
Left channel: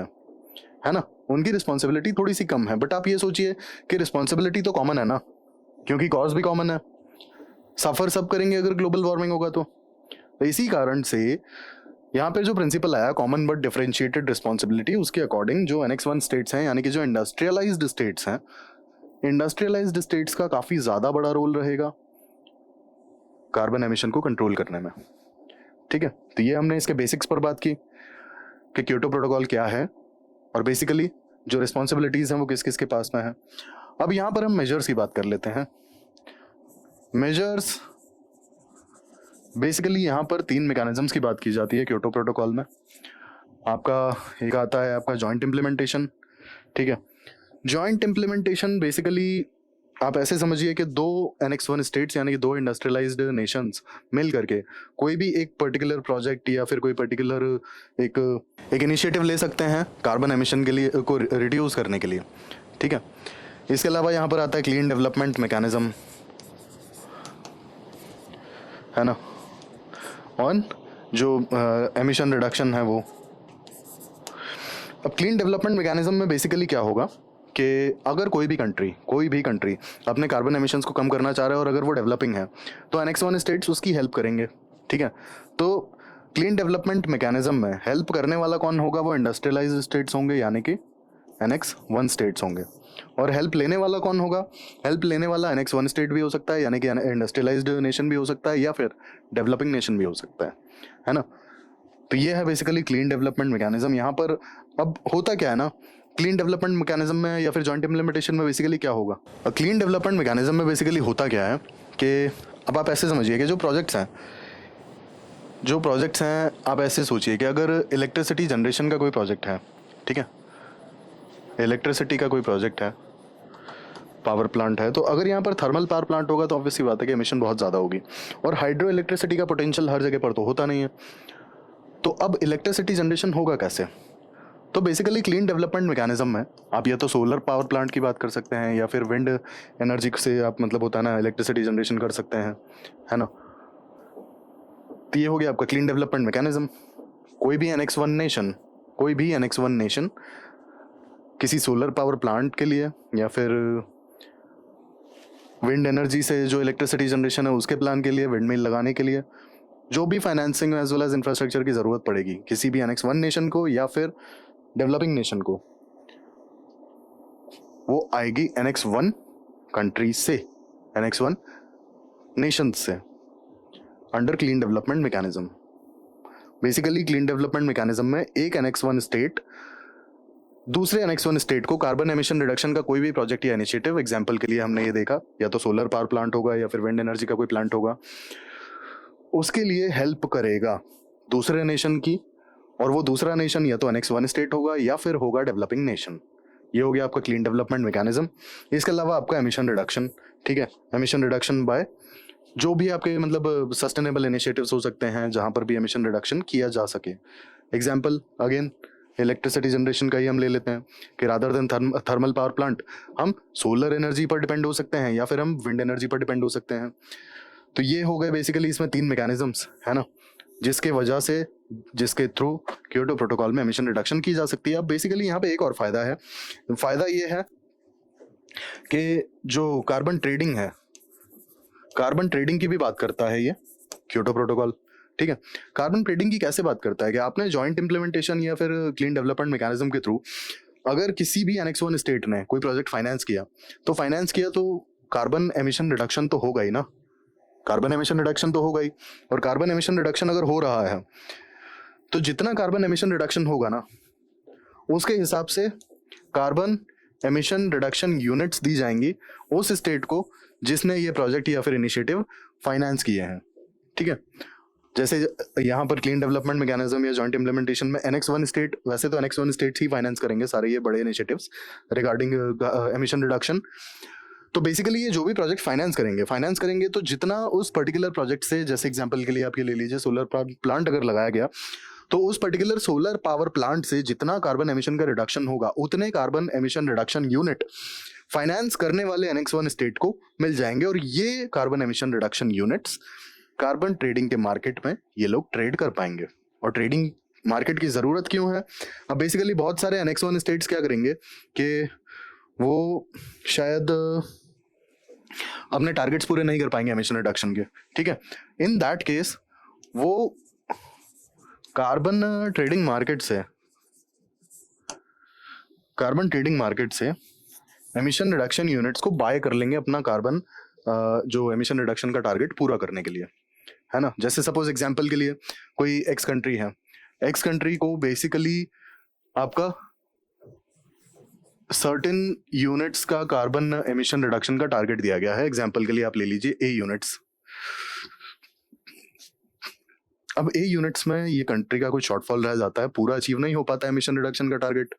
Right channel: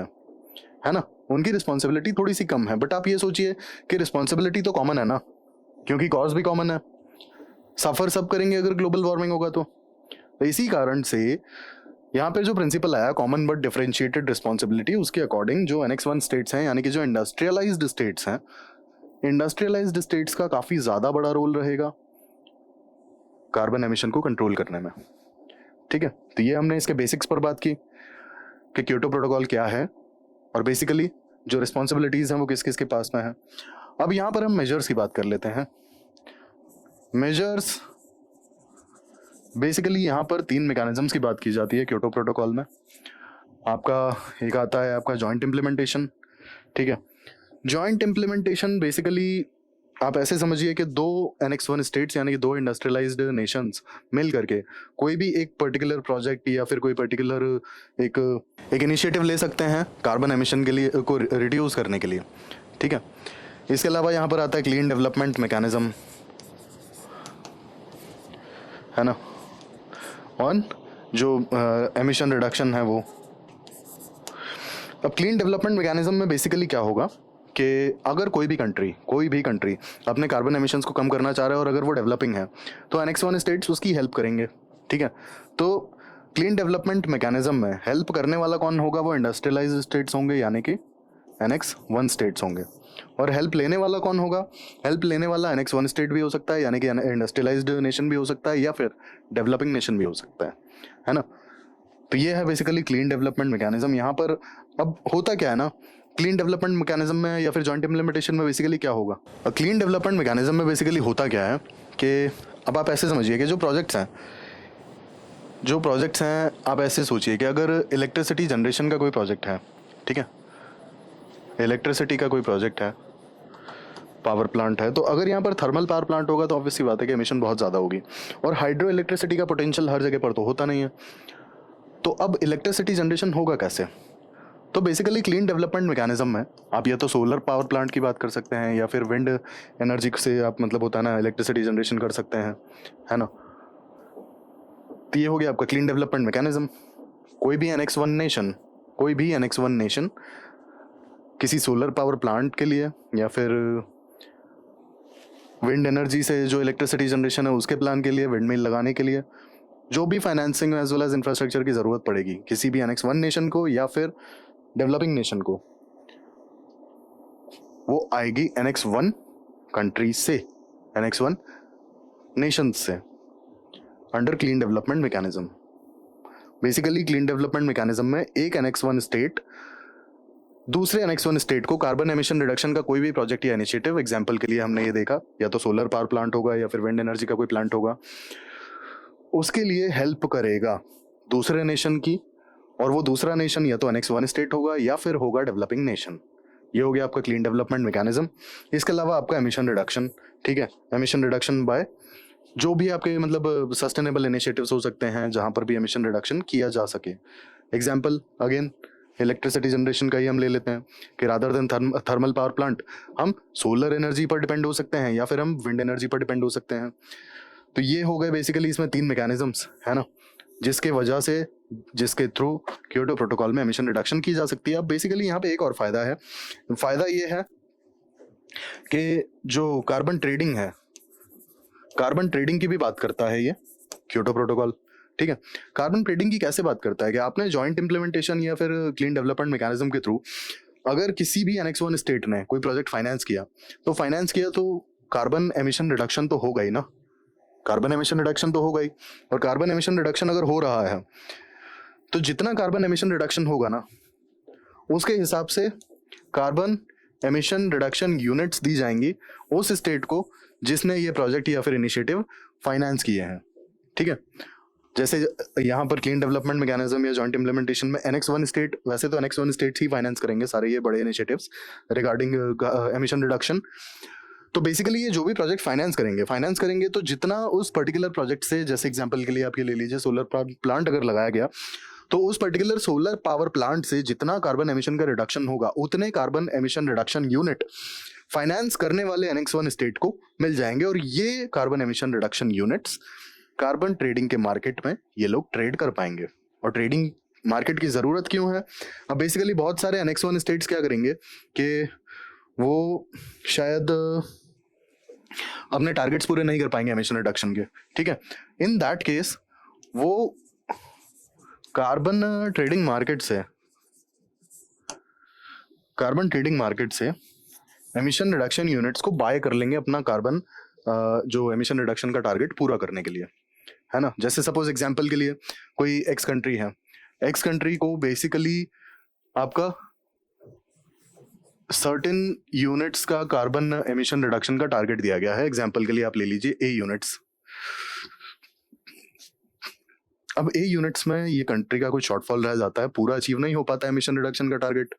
है ना। उनकी रिस्पॉन्सिबिलिटी थोड़ी सी कम है, बट आप ये सोचिए कि रिस्पॉन्सिबिलिटी तो कॉमन है ना, क्योंकि कॉज भी कॉमन है। सफ़र सब करेंगे अगर ग्लोबल वार्मिंग होगा तो इसी कारण से यहाँ पे जो प्रिंसिपल आया कॉमन बट डिफरेंशिएटेड रिस्पॉन्सिबिलिटी, उसके अकॉर्डिंग जो एनेक्स 1 स्टेट्स हैं यानी कि जो इंडस्ट्रियलाइज्ड स्टेट्स हैं, इंडस्ट्रियलाइज्ड स्टेट्स का काफ़ी ज़्यादा बड़ा रोल रहेगा कार्बन एमिशन को कंट्रोल करने में। ठीक है, तो ये हमने इसके बेसिक्स पर बात की कि क्योटो प्रोटोकॉल क्या है और बेसिकली जो रिस्पॉन्सिबिलिटीज़ हैं वो किस किस के पास में है। अब यहाँ पर हम मेजर्स की बात कर लेते हैं। मेजर्स बेसिकली यहाँ पर 3 मैकेनिज्म्स की बात की जाती है क्योटो प्रोटोकॉल में। आपका एक आता है आपका जॉइंट इम्प्लीमेंटेशन। ठीक है, जॉइंट इम्प्लीमेंटेशन बेसिकली आप ऐसे समझिए कि 2 एनेक्स 1 स्टेट्स यानी कि 2 इंडस्ट्रियलाइज्ड नेशंस मिल करके कोई भी एक पर्टिकुलर प्रोजेक्ट या फिर कोई पर्टिकुलर एक इनिशिएटिव ले सकते हैं कार्बन एमिशन के लिए को रिड्यूस करने के लिए। ठीक है, इसके अलावा यहाँ पर आता है क्लीन डेवलपमेंट मैकेनिज्म, है ना, और जो एमिशन रिडक्शन है वो। अब क्लीन डेवलपमेंट मैकेनिज्म में बेसिकली क्या होगा कि अगर कोई भी कंट्री अपने कार्बन एमिशंस को कम करना चाह रहा है और अगर वो डेवलपिंग है तो एनेक्स 1 स्टेट्स उसकी हेल्प करेंगे। ठीक है, तो क्लीन डेवलपमेंट मैकेनिज्म में हेल्प करने वाला कौन होगा, वो इंडस्ट्रियलाइज्ड स्टेट्स होंगे यानी कि एनेक्स 1 स्टेट्स होंगे। और हेल्प लेने वाला कौन होगा, हेल्प लेने वाला एनेक्स 1 स्टेट भी हो सकता है यानी कि इंडस्ट्रियलाइज्ड नेशन भी हो सकता है या फिर डेवलपिंग नेशन भी हो सकता है ना। तो ये है बेसिकली क्लीन डेवलपमेंट मैकेनिज्म। यहाँ पर अब होता क्या है ना, क्लीन डेवलपमेंट मैकेनिज्म में या फिर जॉइंट इम्प्लीमेंटेशन में बेसिकली क्या होगा, क्लीन डेवलपमेंट मैकेनिज्म में बेसिकली होता क्या है कि अब आप ऐसे समझिए कि जो प्रोजेक्ट्स हैं आप ऐसे सोचिए कि अगर इलेक्ट्रिसिटी जनरेशन का कोई प्रोजेक्ट है, ठीक है, इलेक्ट्रिसिटी का कोई प्रोजेक्ट है, पावर प्लांट है, तो अगर यहाँ पर थर्मल पावर प्लांट होगा तो ऑब्वियस सी बात है कि एमिशन बहुत ज़्यादा होगी और हाइड्रो इलेक्ट्रिसिटी का पोटेंशियल हर जगह पर तो होता नहीं है। तो अब इलेक्ट्रिसिटी जनरेशन होगा कैसे, तो बेसिकली क्लीन डेवलपमेंट मैकेनिज्म में आप या तो सोलर पावर प्लांट की बात कर सकते हैं या फिर विंड एनर्जी से आप मतलब होता है ना इलेक्ट्रिसिटी जनरेशन कर सकते हैं, है ना। तो ये हो गया आपका क्लीन डेवलपमेंट मैकेनिज्म। कोई भी एनेक्स वन नेशन किसी सोलर पावर प्लांट के लिए या फिर विंड एनर्जी से जो इलेक्ट्रिसिटी जनरेशन है उसके प्लान के लिए, विंड मिल लगाने के लिए जो भी financing as well as infrastructure की ज़रूरत पड़ेगी किसी भी एनेक्स 1 नेशन को या फिर डेवलपिंग नेशन को, वो आएगी एनेक्स 1 कंट्री से, एनेक्स 1 नेशन से, under clean development mechanism. Basically clean development mechanism में एक एनेक्स 1 स्टेट दूसरे एनेक्स 1 स्टेट को कार्बन एमिशन रिडक्शन का कोई भी प्रोजेक्ट या इनिशिएटिव, एग्जांपल के लिए हमने ये देखा या तो सोलर पावर प्लांट होगा या फिर विंड एनर्जी का कोई प्लांट होगा, उसके लिए हेल्प करेगा दूसरे नेशन की, और वो दूसरा नेशन या तो एनेक्स 1 स्टेट होगा या फिर होगा डेवलपिंग नेशन। ये हो गया आपका क्लीन डेवलपमेंट मैकेनिज्म। इसके अलावा आपका एमिशन रिडक्शन, ठीक है, एमिशन रिडक्शन बाय जो भी आपके मतलब सस्टेनेबल इनिशिएटिव्स हो सकते हैं जहां पर भी एमिशन रिडक्शन किया जा सके। एग्जांपल अगेन इलेक्ट्रिसिटी जनरेशन का ही हम ले लेते हैं कि rather than thermal power plant हम सोलर एनर्जी पर डिपेंड हो सकते हैं या फिर हम विंड एनर्जी पर डिपेंड हो सकते हैं। तो ये हो गए बेसिकली इसमें 3 मैकेनिज्म्स, है ना, जिसके थ्रू क्योटो प्रोटोकॉल में एमिशन रिडक्शन की जा सकती है। अब बेसिकली यहाँ पे एक और फायदा है, फायदा ये है कि जो कार्बन ट्रेडिंग है, कार्बन ट्रेडिंग की भी बात करता है ये क्योटो प्रोटोकॉल। ठीक है, कार्बन ट्रेडिंग की कैसे बात करता है कि आपने जॉइंट इम्प्लीमेंटेशन या फिर क्लीन डेवलपमेंट मैकेनिज्म के थ्रू अगर किसी भी एनेक्स 1 स्टेट ने कोई प्रोजेक्ट फाइनेंस किया तो कार्बन एमिशन रिडक्शन तो होगा ही ना, कार्बन एमिशन रिडक्शन तो होगा ही। और कार्बन एमिशन रिडक्शन अगर हो रहा है तो जितना कार्बन एमिशन रिडक्शन होगा ना उसके हिसाब से कार्बन एमिशन रिडक्शन यूनिट्स दी जाएंगी उस स्टेट को जिसने ये प्रोजेक्ट या फिर इनिशिएटिव फाइनेंस किए हैं। ठीक है, जैसे यहाँ पर क्लीन डेवलपमेंट मैकेनिज्म या जॉइंट इम्प्लीमेंटेशन में एनेक्स 1 स्टेट, वैसे तो एनेक्स 1 स्टेट ही फाइनेंस करेंगे सारे ये बड़े इनिशिएटिव्स रिगार्डिंग एमिशन रिडक्शन। तो बेसिकली ये जो भी प्रोजेक्ट फाइनेंस करेंगे तो जितना उस पर्टिकुलर प्रोजेक्ट से, जैसे एग्जांपल के लिए आप ये ले लीजिए सोलर पावर प्लांट अगर लगाया गया तो उस पर्टिकुलर सोलर पावर प्लांट से जितना कार्बन एमिशन का रिडक्शन होगा उतने carbon emission reduction unit finance करने वाले एनेक्स 1 स्टेट को मिल जाएंगे। और ये carbon emission reduction units carbon trading के मार्केट में ये लोग ट्रेड कर पाएंगे। और ट्रेडिंग मार्केट की जरूरत क्यों है, अब बेसिकली बहुत सारे एनेक्स 1 स्टेट्स क्या करेंगे कि वो शायद अपने टारगेट्स पूरे नहीं कर पाएंगे एमिशन रिडक्शन के। ठीक है, इन दैट केस वो कार्बन ट्रेडिंग मार्केट से एमिशन रिडक्शन यूनिट्स को बाय कर लेंगे अपना कार्बन जो एमिशन रिडक्शन का टारगेट पूरा करने के लिए, है ना। जैसे सपोज एग्जांपल के लिए कोई एक्स कंट्री है, एक्स कंट्री को बेसिकली आपका सर्टेन यूनिट्स का कार्बन एमिशन रिडक्शन का टारगेट दिया गया है। एग्जांपल के लिए आप ले लीजिए ए यूनिट्स। अब ए यूनिट्स में ये कंट्री का कोई शॉर्टफॉल रह जाता है, पूरा अचीव नहीं हो पाता है एमिशन रिडक्शन का टारगेट,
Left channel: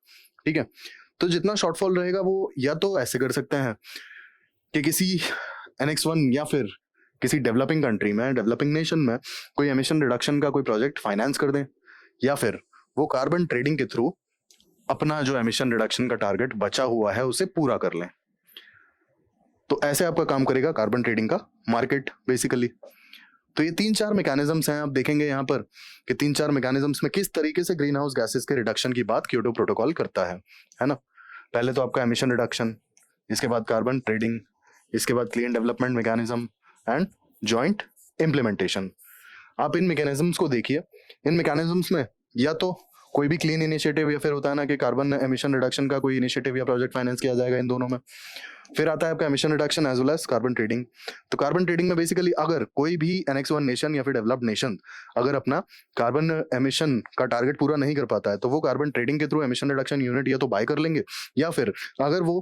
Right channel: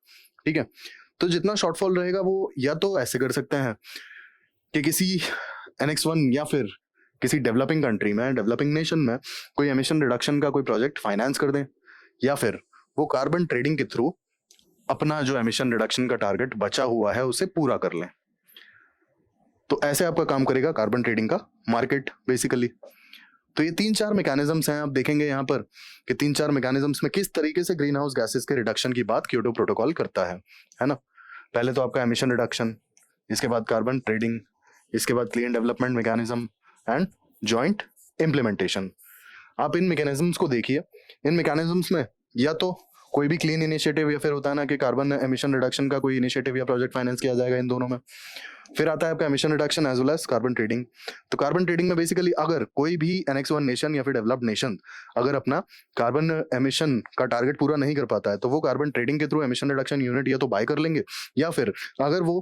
ठीक है। तो जितना शॉर्टफॉल रहेगा वो या तो ऐसे कर सकते हैं कि किसी NX1 या फिर किसी डेवलपिंग कंट्री में, डेवलपिंग नेशन में कोई एमिशन रिडक्शन का कोई प्रोजेक्ट फाइनेंस कर दें, या फिर वो कार्बन ट्रेडिंग के थ्रू अपना जो एमिशन रिडक्शन का टारगेट बचा हुआ है उसे पूरा कर लें। तो ऐसे आपका काम करेगा कार्बन ट्रेडिंग का मार्केट बेसिकली। तो ये 3-4 मैकेनिज्म्स हैं, आप देखेंगे यहाँ पर कि 3-4 मैकेनिज्म्स में किस तरीके से ग्रीन हाउस गैसेस के रिडक्शन की बात क्योटो प्रोटोकॉल करता है ना। पहले तो आपका एमिशन रिडक्शन, इसके बाद कार्बन ट्रेडिंग, इसके बाद clean development mechanism and joint implementation. आप इन मैकेनिज्म्स को देखिए। इन मैकेनिज्म्स में या तो कोई भी क्लीन इनिशिएटिव या फिर होता है ना कि कार्बन एमिशन रिडक्शन का कोई इनिशिएटिव या प्रोजेक्ट फाइनेंस किया जाएगा इन दोनों में। फिर आता है आपका emission reduction as well as carbon trading. तो कार्बन ट्रेडिंग में बेसिकली अगर कोई भी NX1 नेशन या फिर डेवलप्ड नेशन अगर अपना कार्बन एमिशन का टारगेट पूरा नहीं कर पाता है तो वो कार्बन ट्रेडिंग के थ्रू एमिशन रिडक्शन यूनिट या तो बाय कर लेंगे, या फिर अगर वो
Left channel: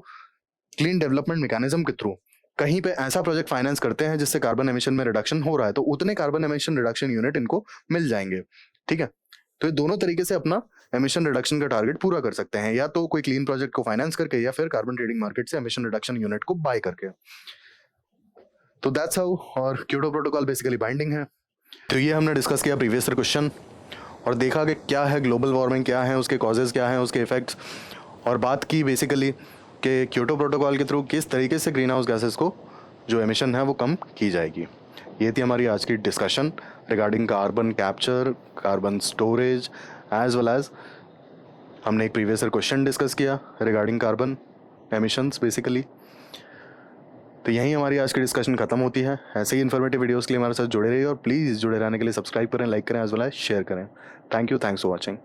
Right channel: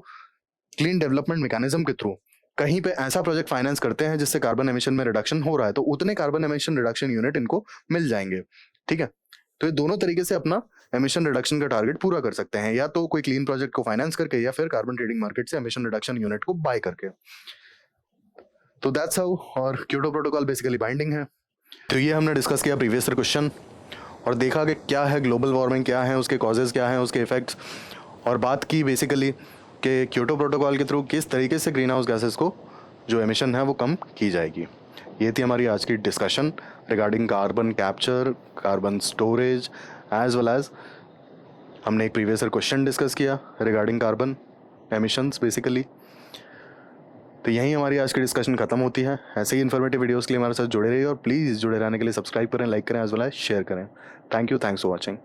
क्लीन डेवलपमेंट मैकेनिज्म के थ्रू कहीं पे ऐसा प्रोजेक्ट फाइनेंस करते हैं जिससे कार्बन एमिशन में रिडक्शन हो रहा है तो उतने कार्बन एमिशन रिडक्शन यूनिट इनको मिल जाएंगे, ठीक है। तो ये दोनों तरीके से अपना एमिशन रिडक्शन का टारगेट पूरा कर सकते हैं, या तो कोई क्लीन प्रोजेक्ट को फाइनेंस करके या फिर कार्बन ट्रेडिंग मार्केट से एमिशन रिडक्शन यूनिट को बाय करके। तो दैट्स हाउ और क्योटो प्रोटोकॉल बेसिकली बाइंडिंग है। तो ये हमने डिस्कस किया प्रीवियस ईयर क्वेश्चन और देखा कि क्या है ग्लोबल वार्मिंग, क्या है उसके कॉजेज, क्या है उसके इफेक्ट्स, और बात की बेसिकली कि क्योटो प्रोटोकॉल के थ्रू किस तरीके से ग्रीन हाउस गैसेस को जो एमिशन है वो कम की जाएगी। ये थी हमारी आज की discussion regarding carbon capture, carbon storage, as well as हमने एक प्रीवियस ईयर क्वेश्चन डिस्कस किया रिगार्डिंग कार्बन एमिशंस बेसिकली। तो यही हमारी आज की डिस्कशन खत्म होती है। ऐसे ही इन्फॉर्मेटिव वीडियोस के लिए हमारे साथ जुड़े रहिए और प्लीज़ जुड़े रहने के लिए सब्सक्राइब करें, लाइक करें, एज वेल एज शेयर करें। Thank you, thanks for watching.